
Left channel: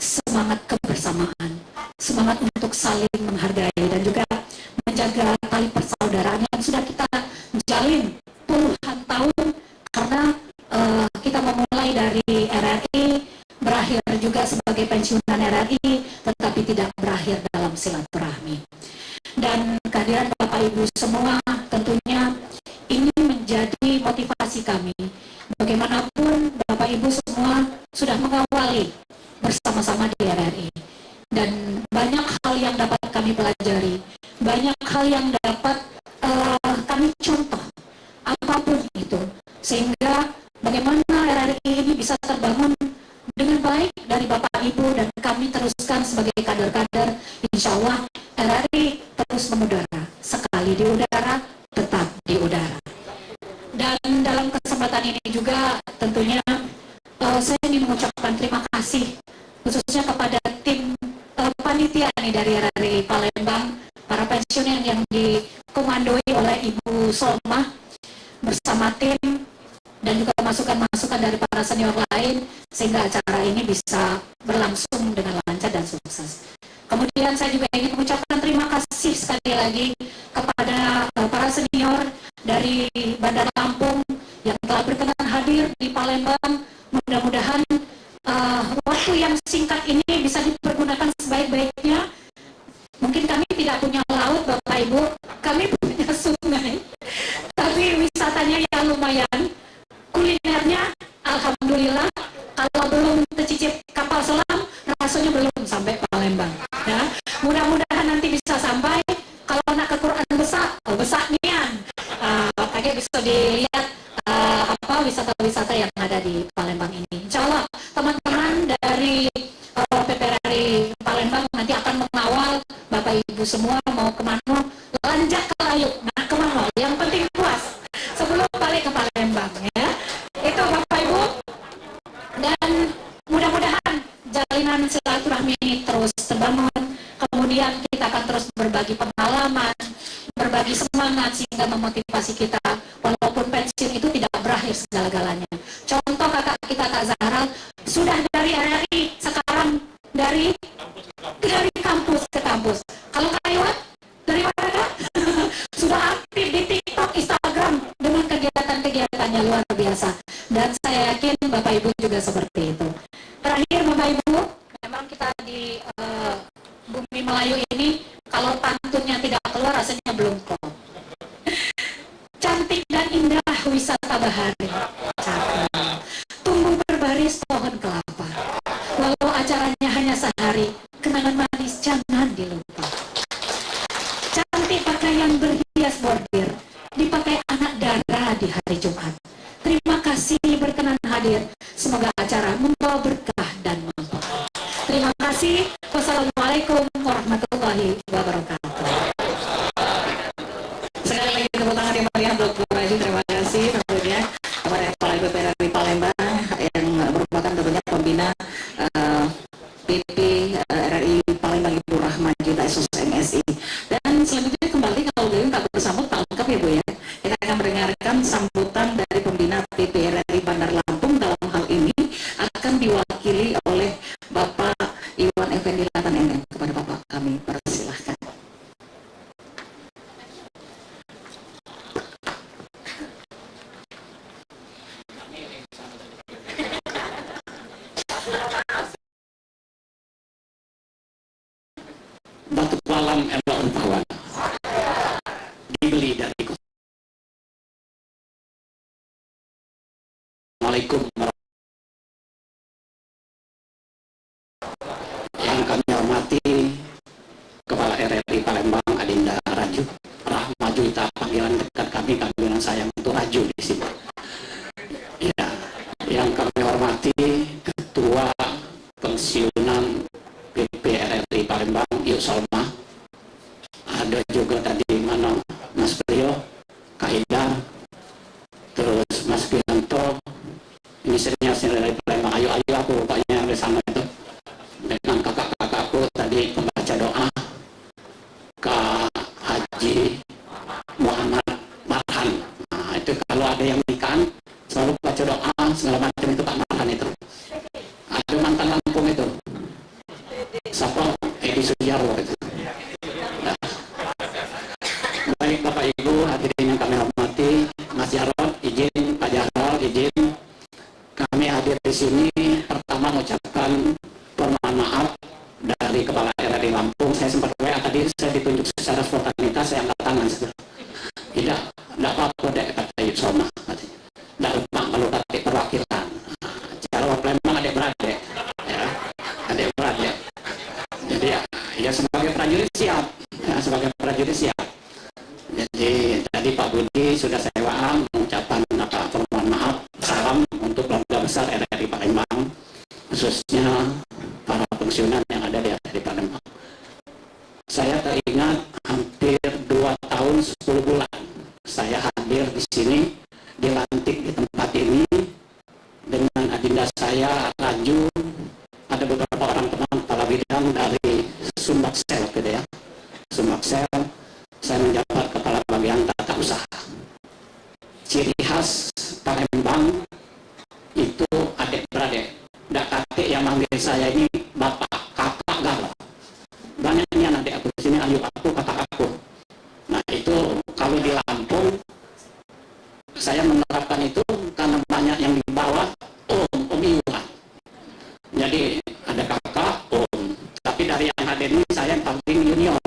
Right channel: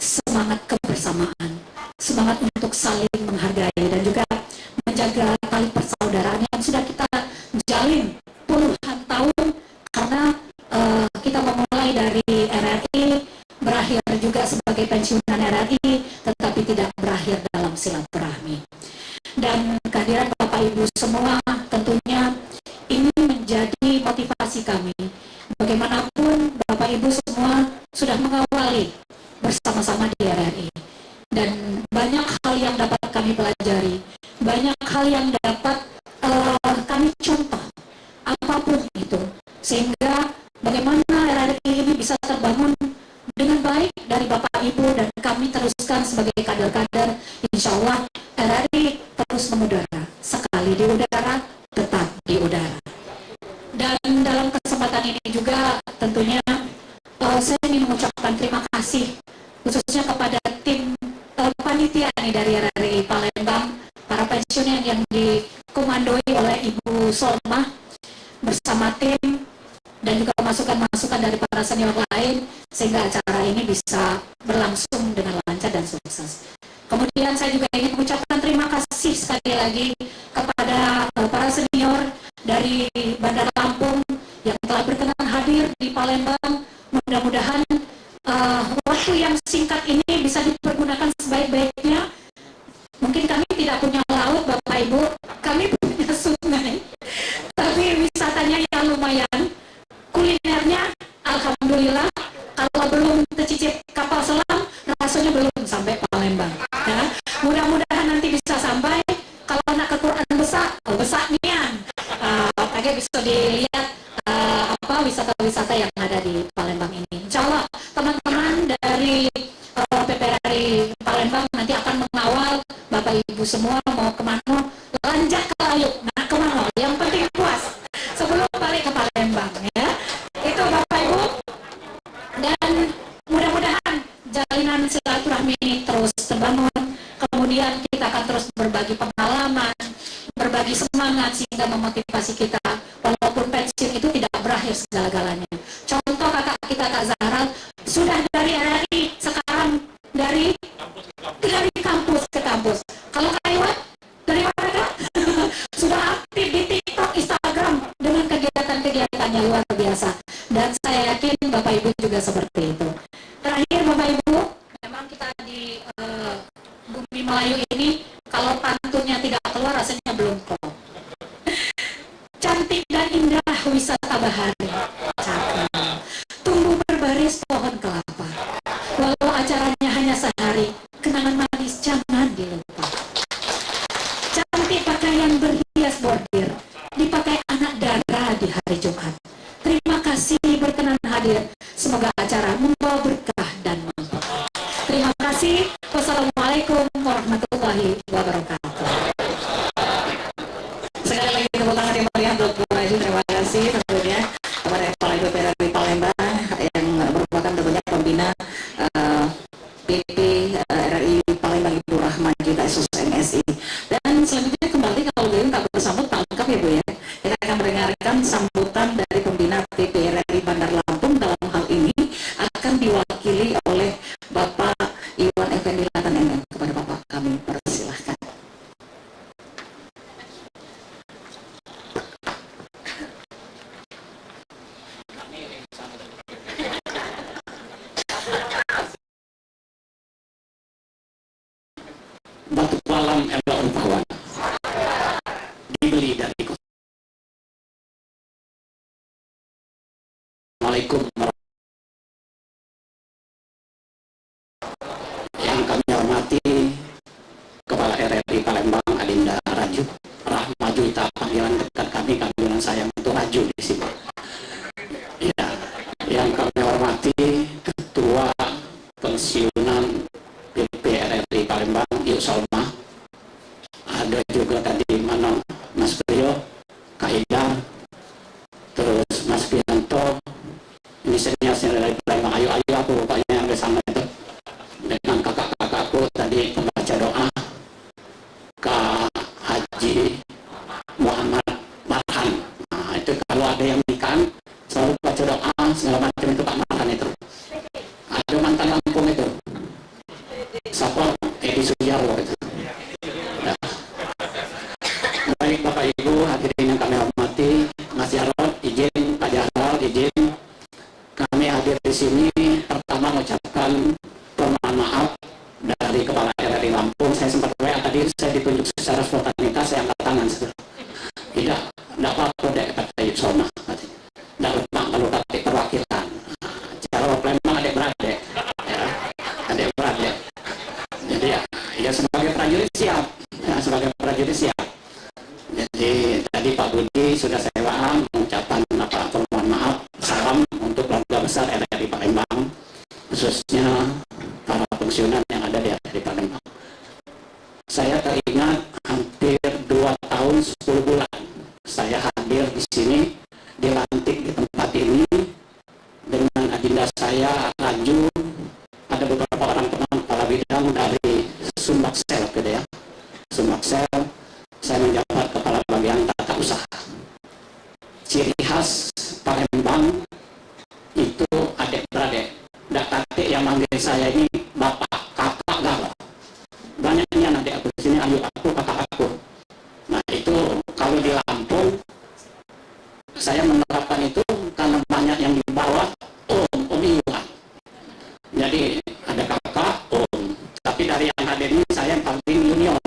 semangat kebersamaan, semangat untuk saling menghargai, dan juga menjaga tali persaudaraan yang sudah kita jalin puluhan tahun, karena kita memulai dari RRI, berakhir juga sebagai pensiunan RRI, tetapi tidak berakhir dalam silaturahmi. Dan kehadiran Bapak Ibu semua tentunya ini menjadi motivasi kami. Bagaimanapun Bapak Ibu semua sudah mengawali bersama-sama di RRI, dan banyak hal yang dapat kami pelajari, banyak hal yang dapat kami contoh, apapun itu, sehingga bagaimana RRI ini bisa terbangun dengan baik dari Bapak Ibu, dan kami teruskan sebagai kader-kader. Insya Allah RRI terus mengudara, sekali di udara tetap di udara. Dan dalam kesempatan ini juga tentunya saya ingin mengucapkan terima kasih khususnya kepada tim panitia nih dari RRI Palembang, para pensiunan yang dikomandoi oleh Ibu Solma bersama tim, dan juga masukan-masukan dari para senior lain, sehingga acara ini bisa berlangsung dengan lancar dan sukses. Kemudian saya juga ingin mengucapkan terima kasih sekali lagi kepada para senior dari Bandar Lampung yang telah berkenan hadir di Palembang. Mudah-mudahan waktu yang singkat ini bisa dipergunakan sebaik-baiknya. Mungkin kami tidak punya laut, Bapak Ibu, kami punya sungai, tapi wisatanya ya lumayan. Kulinernya alhamdulillah, kalau belum tercicip kapal selam rasanya belum sampai Palembang ya. Mudah-mudahan nanti bisa sampai. Kalau nak ke Quran besar nian pakai bisa dilihat wisata-wisata yang ada di Palembang ini. Insya Allah teman-teman dari PPRRI Palembang nanti akan mengawal Bapak Ibu semua mau kemana, lanjak ke Layuk, nah kemana, yang penting puas sebelum balik ke Palembang ya. Itu Bapak Ibu, dan mudah-mudahan jalinan silaturahmi ini terus terbangun. Kemudian kita akan terus berbagi pengalaman, berbagi semangat, sehingga memotivasi kita walaupun pensiun itu tidak berakhir segala-galanya. Contoh kakak kita Kak Zahra sudah dari RRI, sekarang dari kampus ke kampus. Kalau Kak Iwan dari mana Kak? Sudah aktif di TikTok, Instagram dengan kegiatan-kegiatannya luar biasa, dan saya yakin Bapak Ibu juga seperti itu. Terakhir Bapak Ibu, memang kita di bumi Melayu ini kalau pantunnya tidak keluar rasanya belum klop. Cantik dan indah wisata bahari, cakep. Tumbuh berbaris pohon kelapa. Walau acaranya hanya sehari, kenangan manis jangan dilupa. Cantik pakaian berhias bordir, dipakai anak dara di hari Jumat. Terima kasih berkenan hadir. Semoga acara membawa berkah dan manfaat. Terima kasih. Wassalamualaikum warahmatullahi wabarakatuh. Sekali lagi tepuk tangan yang meriah untuk Bu Raju. Terima kasih tentunya kepada Kepala PPRRI Palembang yang merupakan tentunya pembina PP RRI Palembang, Ibu Rahma Juta SOS MSI. Dan selanjutnya kembali kalau beliau nggak bersambut tak lengkap ya Bu ya. Kita akan mendengarkan sambutan dari pembina PP RRI Bandar Lampung. Dalam hal ini akan diwakili oleh Bapak Iwan Effendi Latan MM. Kepada Bapak kami persilahkan. Batu Palam Elon Pawan dibeli dari Assalamualaikum yang kami hormati Kepala RRI Palembang Adinda Raju Rahma Juita, panggilan dekat kami, panggilan sayang itu Raju di sini. Ya, yang kami hormati Palembang, Yuk Salma. Ada juga tadi mana Mas Priyo, Kak Ida, terus Mas Pianto. Ini senior dari Palembang. Ayo aku rupanya yang di sana itu. Dengan kakak-kakakku tadi pembaca doa, Kak Haji Muhammad Marhan. Nah, itu kalau ada yang nikah selalu baca doa segala macam itu Pak Marhan itu. Ada mantan Lampung itu. Siapa? Edi Sujarwo itu. Nah. Baik Bapak Ibu hadirin yang kami hormati, Mas Jarod izin, Pak Jarod izin, kami hadir di sini pertama mengucapkan permohonan maaf dari Kepala RRI Lampung. Saya sempat WA tadi, saya ditunjuk secara spontanitas, saya angkat tangan. Tidak apa-apa deh kata Yuk Soma. Tidak lupa kalau batik perwakilan. Cara Palembang adik-beradik, ya, adik-beradik. Jadi ya sebagai prajurit siap, ya, sebagai prajurit siap. Jadi tadi Pak Budi sudah saya WA mengucapkan permohonan maaf, salam untuk keluarga besar RRI Palembang, khususnya para pensiunan yang ada di RRI Palembang. Saya teringat hampir 2 tahun 10 bulan saya hadir di sini, dilantik di tempat ini dengan adinda saya Raju, ada beberapa orang teman kepala bidang dari Sumbaksel gitu ya. Sumbaksel, saya menjabat kepala bagian tata usaha. Ciri khas Palembang itu adik-beradik. Nggak kakek yang manggil saya ini bapak, kakak, galau. Banyak ini adik aku di sini, ayu aku, kakak aku. Nah itu kalau di Lampung, saya menerapkan itu karena banyak yang di bawah om Iwan. Jadi ada kakak, om. Tapi dari yang hadir ini saya yang paling junior.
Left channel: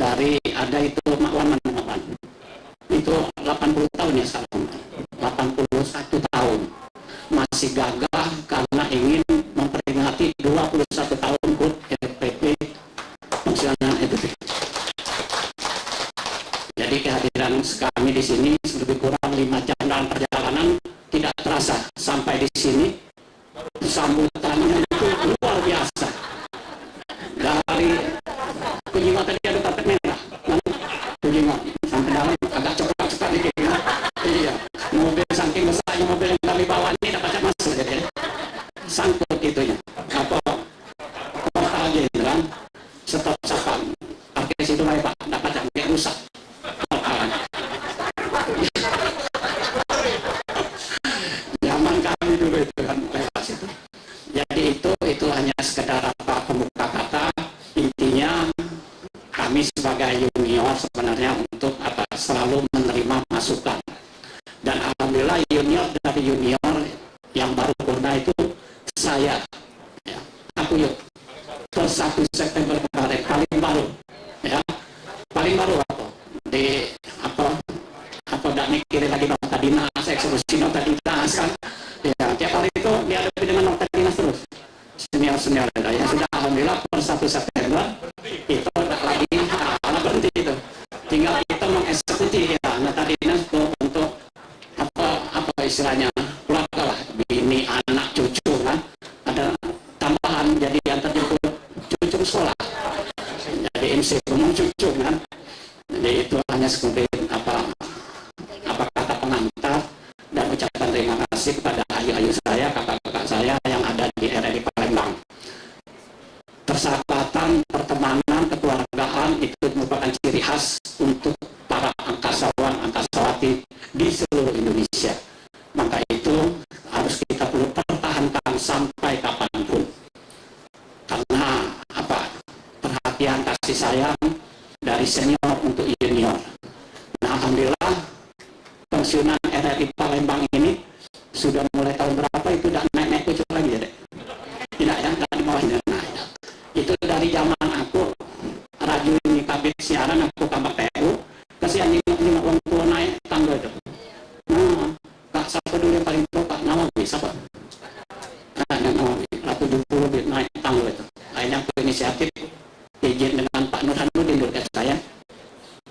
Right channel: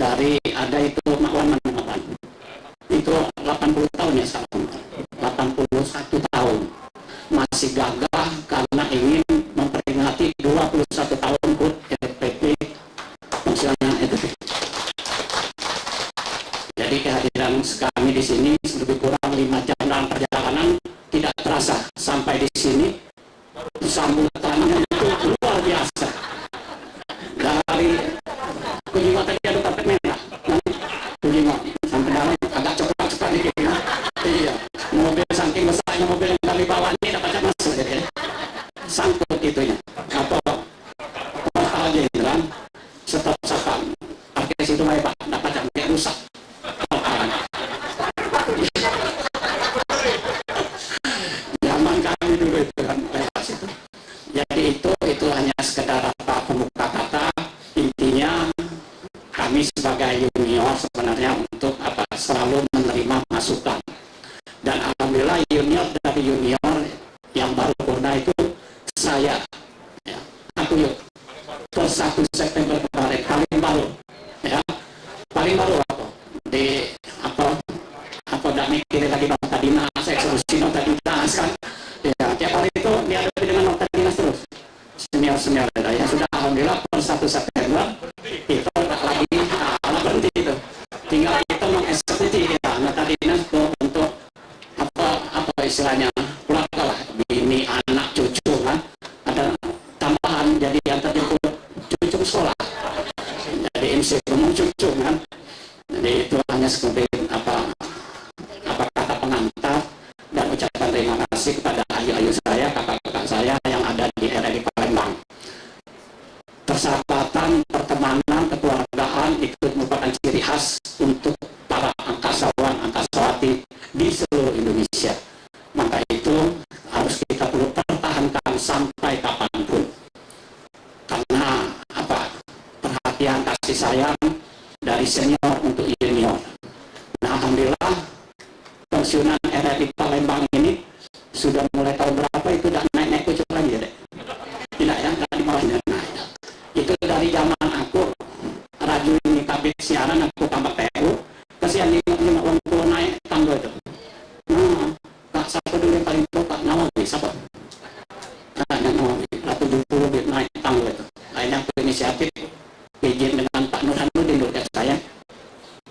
Dari ada itu Makwan. Itu 80 tahun ya sekarang. 81 tahun. Masih gagah karena ingin memperingati 21 tahun HUT RPP pensiunan itu. Jadi kehadiran kami di sini lebih kurang 5 jam dalam perjalanan, tidak terasa sampai di sini. Sambutannya itu luar biasa. Dari Kujingo tadi ada karpet merah, Kujingo sampai dalam agak cepat dikit ya. Iya, mobil saking besarnya mobil yang kami bawa ini dapat masuk jadi sangkut itunya. Apa portal jenderal stop sapam. Parkir situ baik Pak, dapat sampai rusak. Zaman kami dulu itu kan lewat situ. Jadi itu hanya sekedar pembuka kata. Intinya kami sebagai junior sebenarnya untuk selalu menerima masukan. Dan alhamdulillah junior dari junior yang baru purna itu saya, ya, aku yuk per 1 September kemarin paling baru, ya paling baru aku di apa udah mikirin lagi nota dinas, eksekusi nota dinas kan, ya tiap hari itu dihadapi dengan nota dinas terus. Senior ya sudah alhamdulillah per 1 September itu tidak lagi berhenti itu, tinggal kita mengeksekusi ya nota dinas untuk apa istilahnya keluarga lah, bini anak cucu kan, ada tambahan jadi yang terjemput cucu sekolah, jadi MC umum cucu kan. Jadi itu hanya seperti apa kata pengantar dan ucapan terima kasih kepada ayu-ayu saya, kakak-kakak saya yang ada di RRI Palembang. Persahabatan, pertemanan, kekeluargaan itu merupakan ciri khas untuk para angkasawan, angkasawati di seluruh Indonesia. Maka itu harus kita perlu pertahankan sampai kapanpun. Karena perhatian kasih sayang dari senior untuk junior. Nah, alhamdulillah pensiunan RRI Palembang ini sudah mulai tahun berapa itu udah naik kucuk lagi ya dek? Tidak ya, nggak di bawahnya. Nah, itu dari zaman aku Raju ini kabit siaran, aku tambah PU, kasihan lima orang tua naik tangga itu. Nah, Kak siapa dulu yang paling tua Kak Nawawi, siapa? Nawawi, 70 bit naik tangga itu. Akhirnya aku inisiatif izin dengan Pak Nurhanuddin dulu saya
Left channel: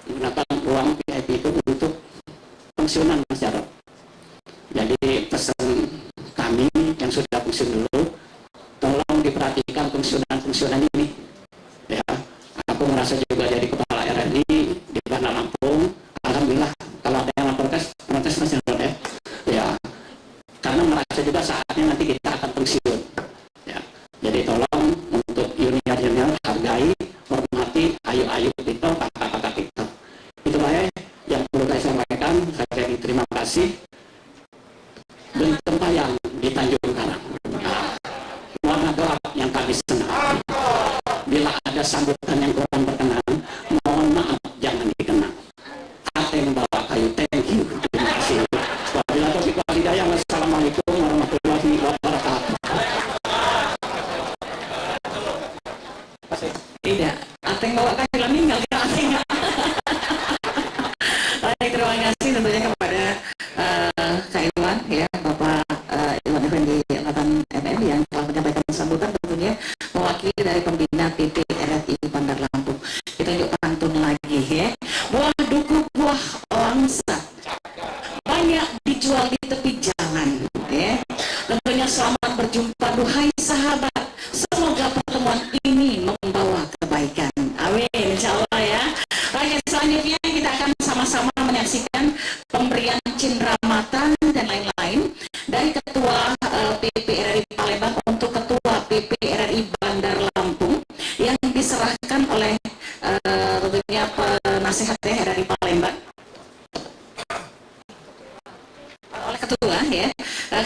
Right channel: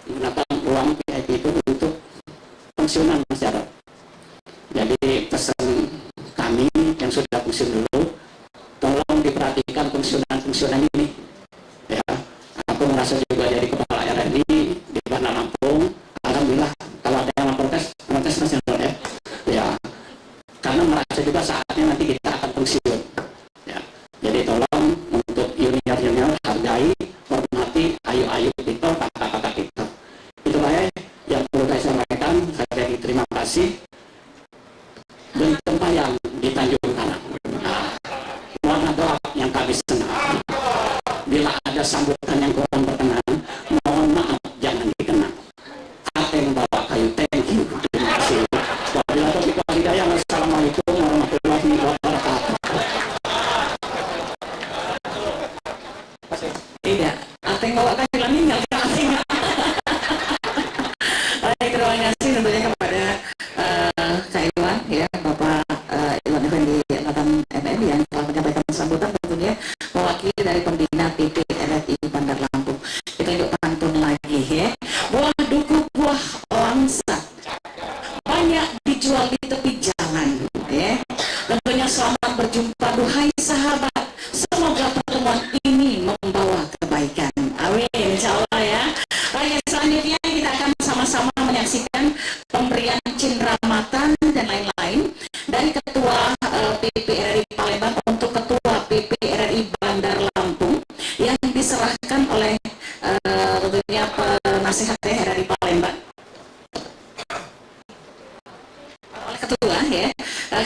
menggunakan ruang VIP itu untuk pensiunan Mas Jarod. Jadi pesan kami yang sudah pensiun dulu, tolong diperhatikan pensiun fungsionan ini. Ya, aku merasa juga jadi kepala RRI di Bandar Lampung. Alhamdulillah, kalau ada yang protes nasional ya. Ya, karena merasa juga saatnya nanti kita akan pensiun. Ya, jadi tolong untuk junior hargai, hormati, ayu itu, kakak-kakak itu. Itu baik yang perlu saya sampaikan. Saya jadi terima kasih. Beli tempat yang di Tanjung Karang. Nah, warna gelap yang kami senang. Bila ada sambutan yang kurang berkenan, mohon maaf, jangan dikenang. Ateng bawa kayu, thank you, terima kasih. Wabillahi taufiq wal hidayah. Wassalamualaikum warahmatullahi wabarakatuh. Tidak, Ateng bawa kayu lah meninggal ke Ateng. Baik, terima kasih tentunya kepada Kak Iwan, ya, Bapak Iwan Effendi Angkatan MN yang telah menyampaikan sambutan tentunya mewakili dari pembina PP RRI Bandar Lampung. Kita yuk pantun lagi ya. Buah duku, buah langsa, banyak dijual di tepi jalan. Ya. Tentunya selamat berjumpa, duhai sahabat. Semoga pertemuan ini membawa kebaikan. Amin, insya Allah ya. Oke, selanjutnya kita akan sama-sama menyaksikan pemberian cinderamatan dan lain-lain dari Ketua PP RRI Palembang untuk Ketua PP RRI Bandar Lampung yang diserahkan oleh tentunya penasihat RRI Palembang oleh Ketua ya,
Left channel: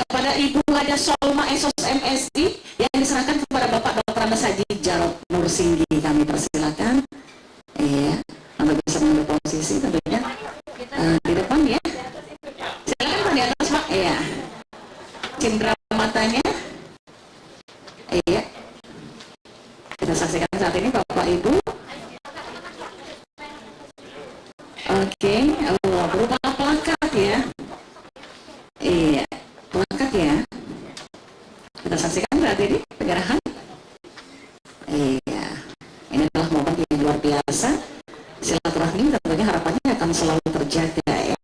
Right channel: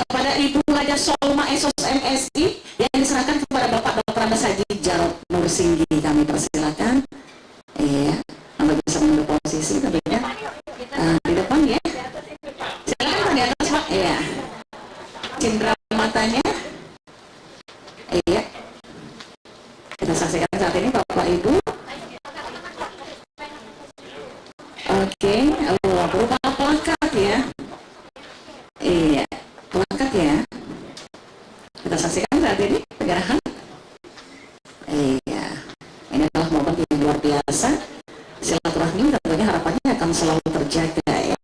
kepada Ibu Haja Solma Esos MSI yang diserahkan kepada Bapak Dr. Andes Haji Jarod Nursinggi. Kami persilakan ya untuk bisa mengambil posisi tentunya di depan ya. Silakan Pak di atas Pak. Iya. Cindera matanya. Iya. Kita saksikan saat ini Bapak Ibu. Oke, berupa plakat ya. Iya, plakat ya. Kita saksikan saat ini penyerahan. Iya, ini adalah momen yang luar biasa. Silaturahmi tentunya harapannya akan selalu terjaga ya.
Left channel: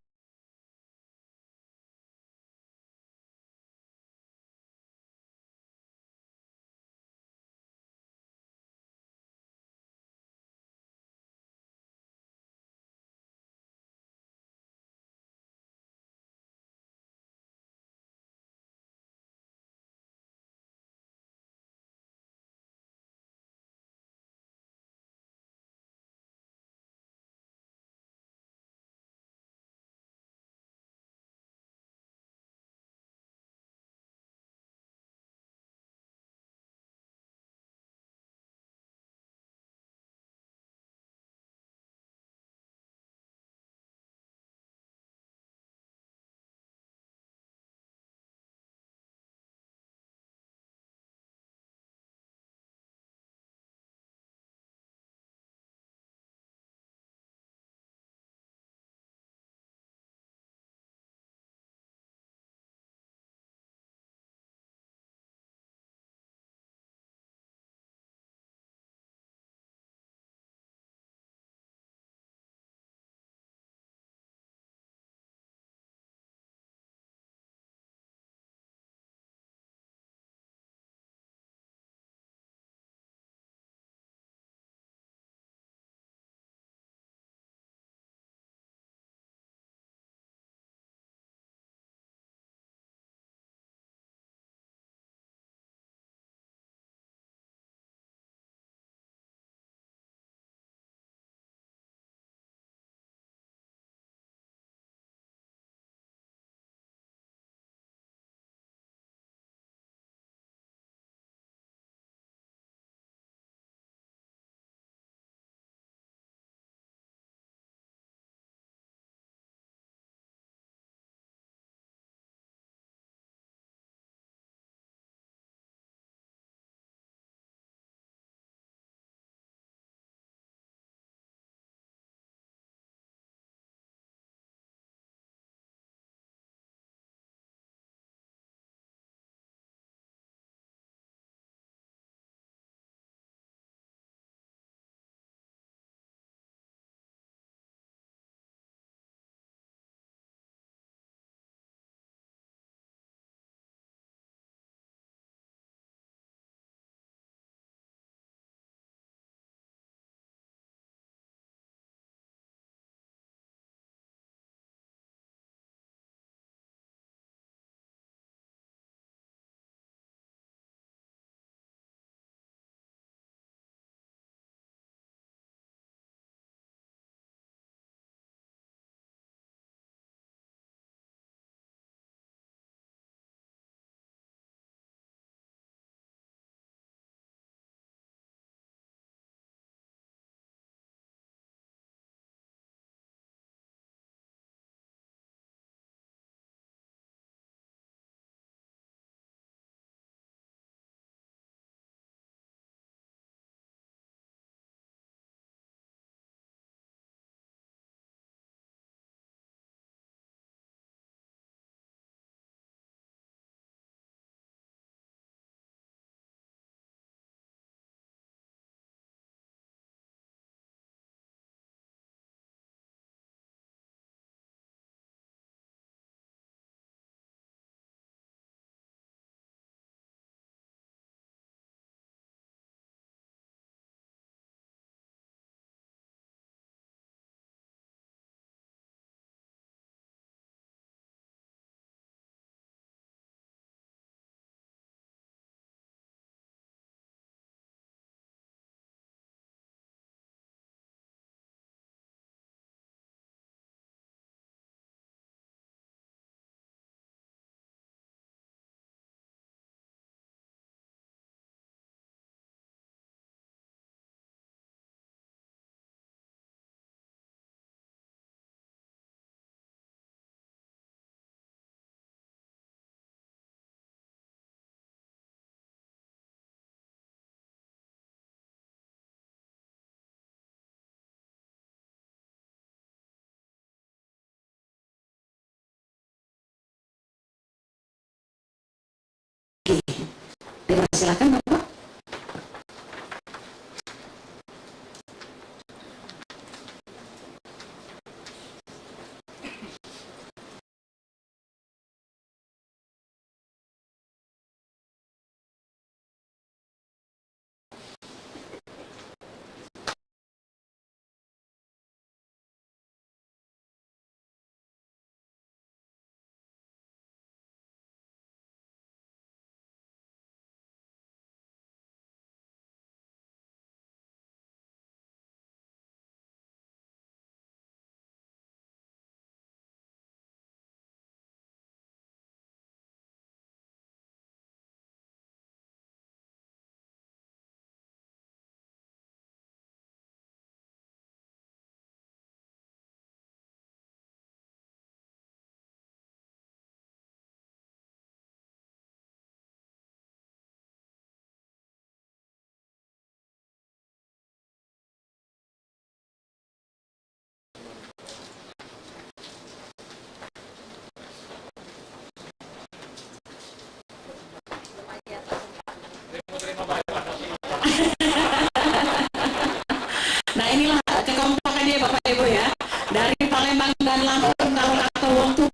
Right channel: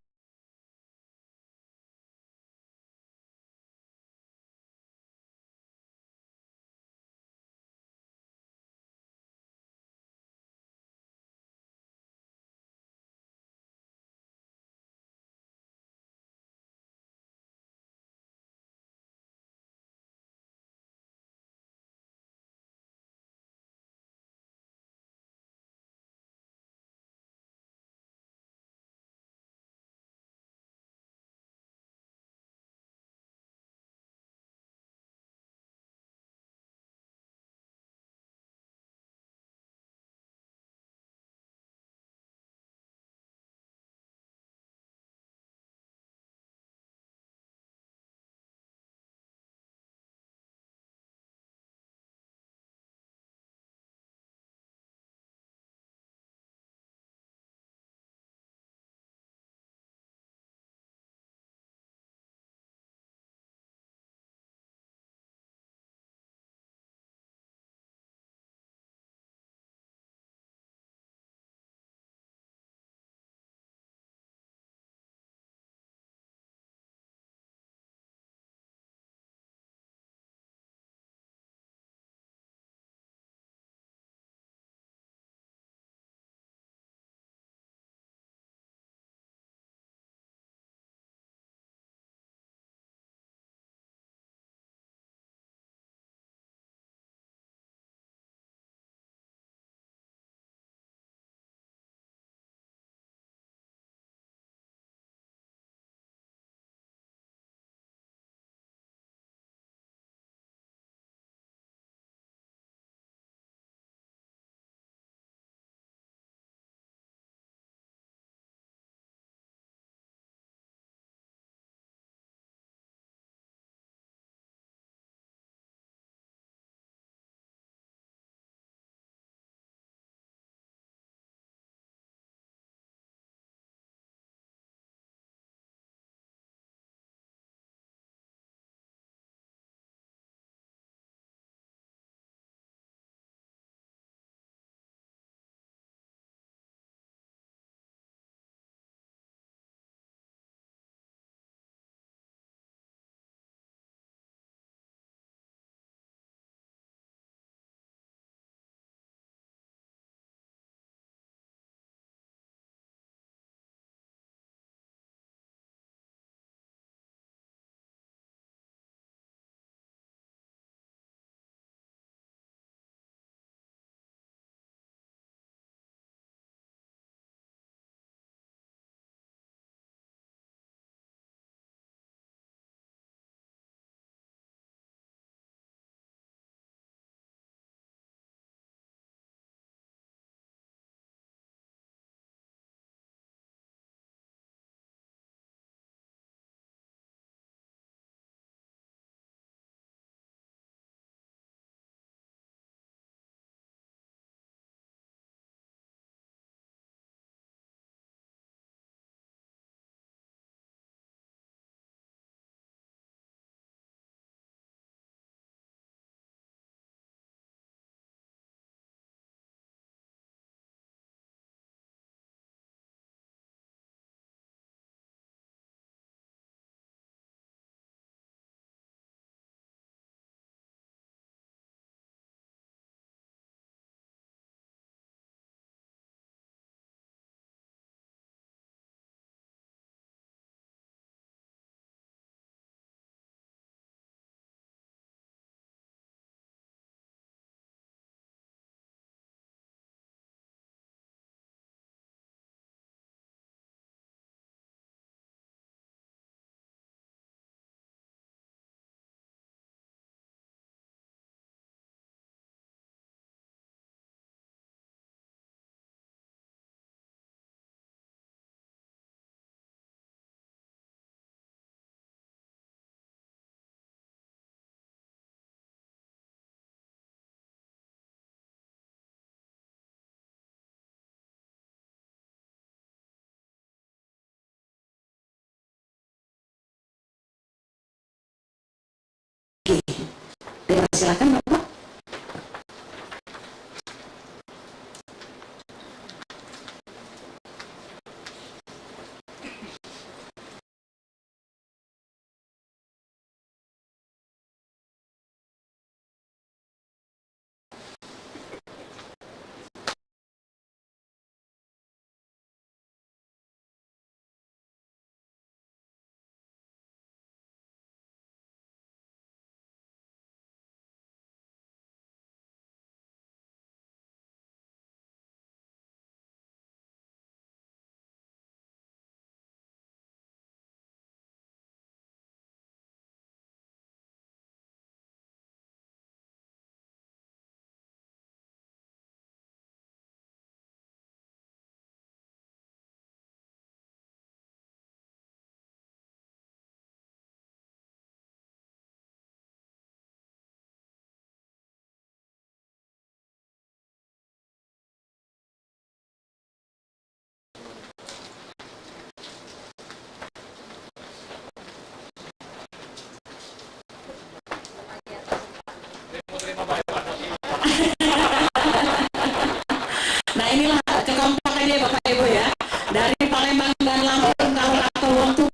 Silakan Bapak. Nah inilah kekompakannya Bapak Ibu ya. Dari Palembang dan Lampung kalau kata wong tuh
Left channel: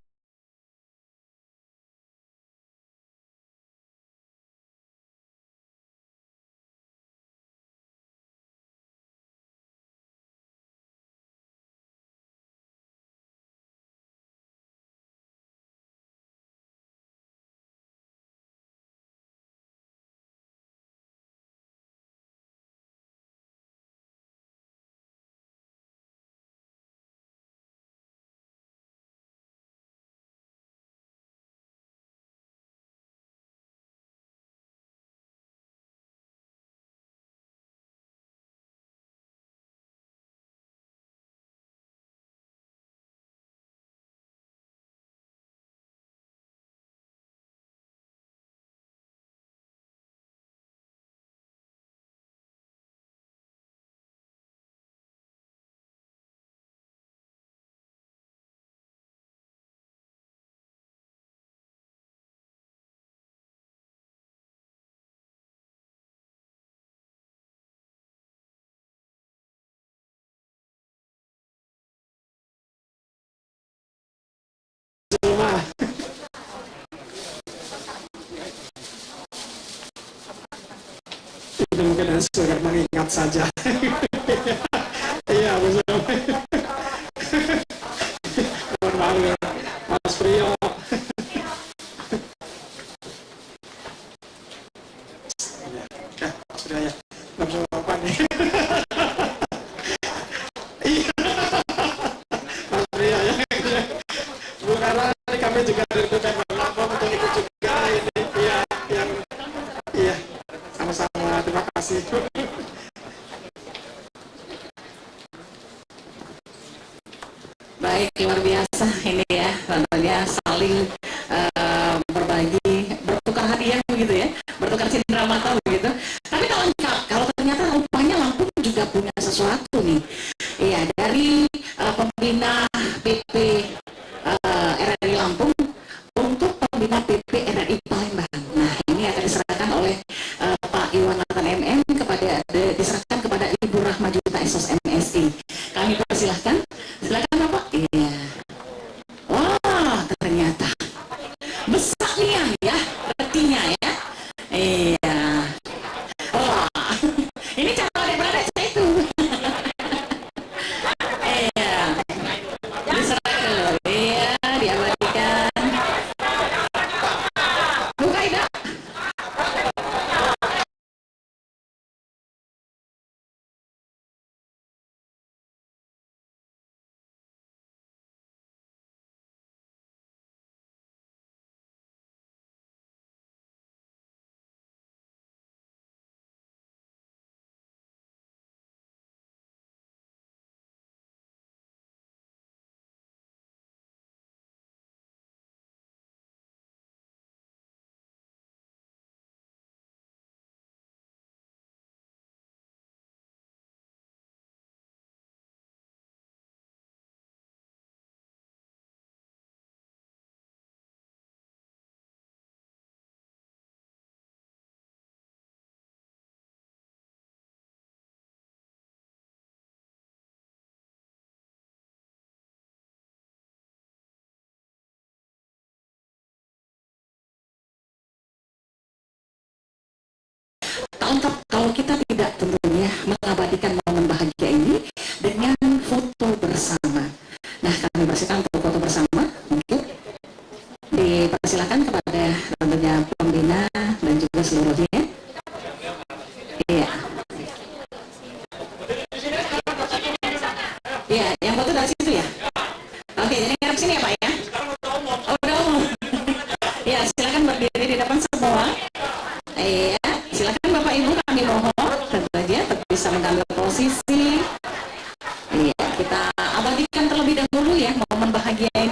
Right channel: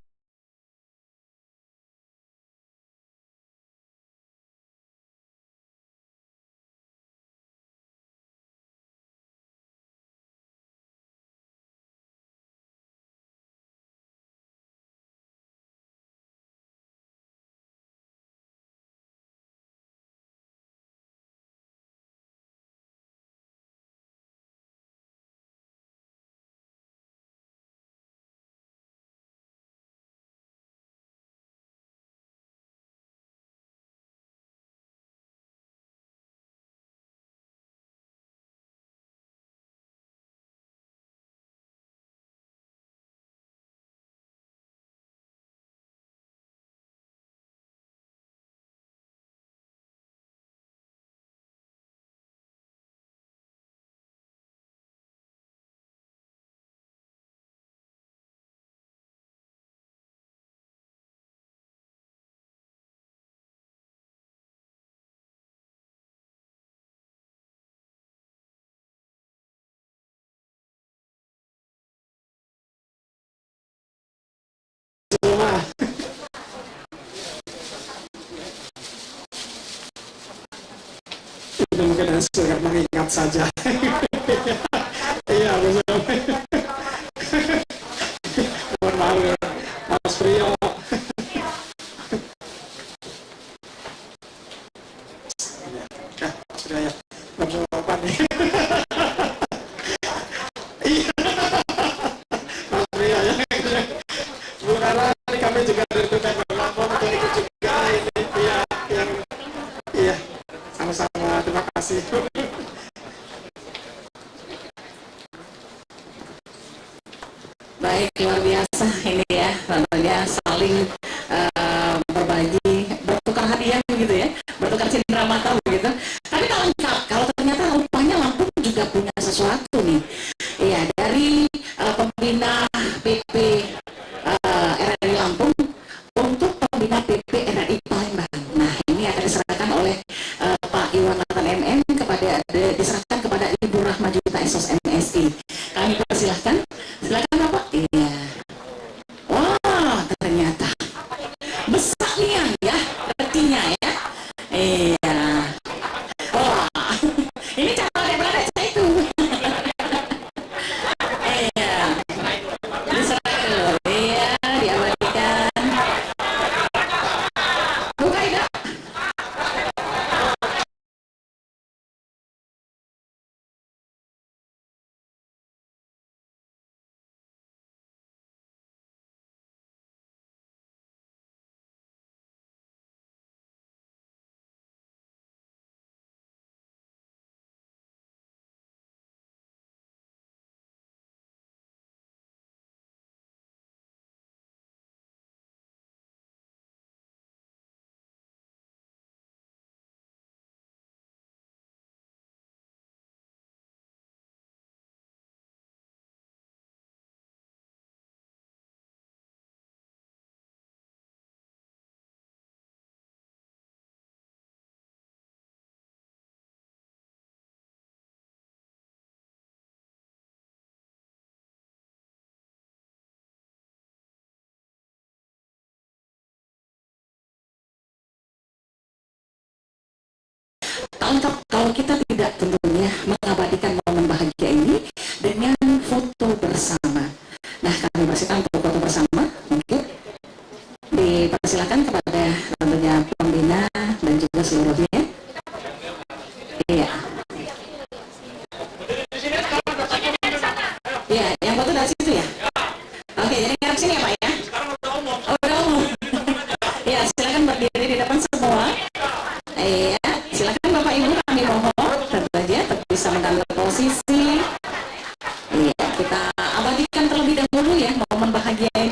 semua. Itu mungkin sekedar mengingat saja. Iya, betul. Mohon maaf ya, Mas Priyo. Ya, sudah ya. Nggak bisa apa nih. Iya. Mas Priyo ya. Bu Kara, ini kami juga dari Pemkab Lampung untuk ikut juga ini. Iya, yang iya. Sama-sama, terima kasih. baik, luar biasa ini ya, tentunya saling berbagi, bertukar hadiah begitu ya, bertukar cindera mata begitu. Tapi tak lengkap kalau ternyata rupanya Lampung juga punya sesuatu nih. Iya, dari pembina PP RRI Lampung untuk pembina PP RRI Palembang. Nah, ini akan diserahkan oleh Pak Iwan Nathan MM diserahkan kepada Ibu Rahma Juta SOS MSI. Kami persilahkan. Silakan Bapak. Iya. Wah, ternyata besar nih ya, retinya ya. Iya. Wah, ini cara berada saya itu. Iya. Diserahkan dulu. Iya, diabadikan. Buka Ida. Tak lengkap kalau kita tidak tentunya mengabadikan momen bahagia ini dengan foto bersama. Nah, kami persilakan untuk foto bersama. Mungkin dipersilakan kepada tentunya pembina dan juga seluruhnya. Iya. Iya, yang foto dari situ ya. Oke, jadi ngarep sini ya Pak ya. Oh, udah umum. Ya, silakan berdiri di depan semua. Iya, silakan Bapak Ibu kami mohon tentu saja bisa mengambil posisi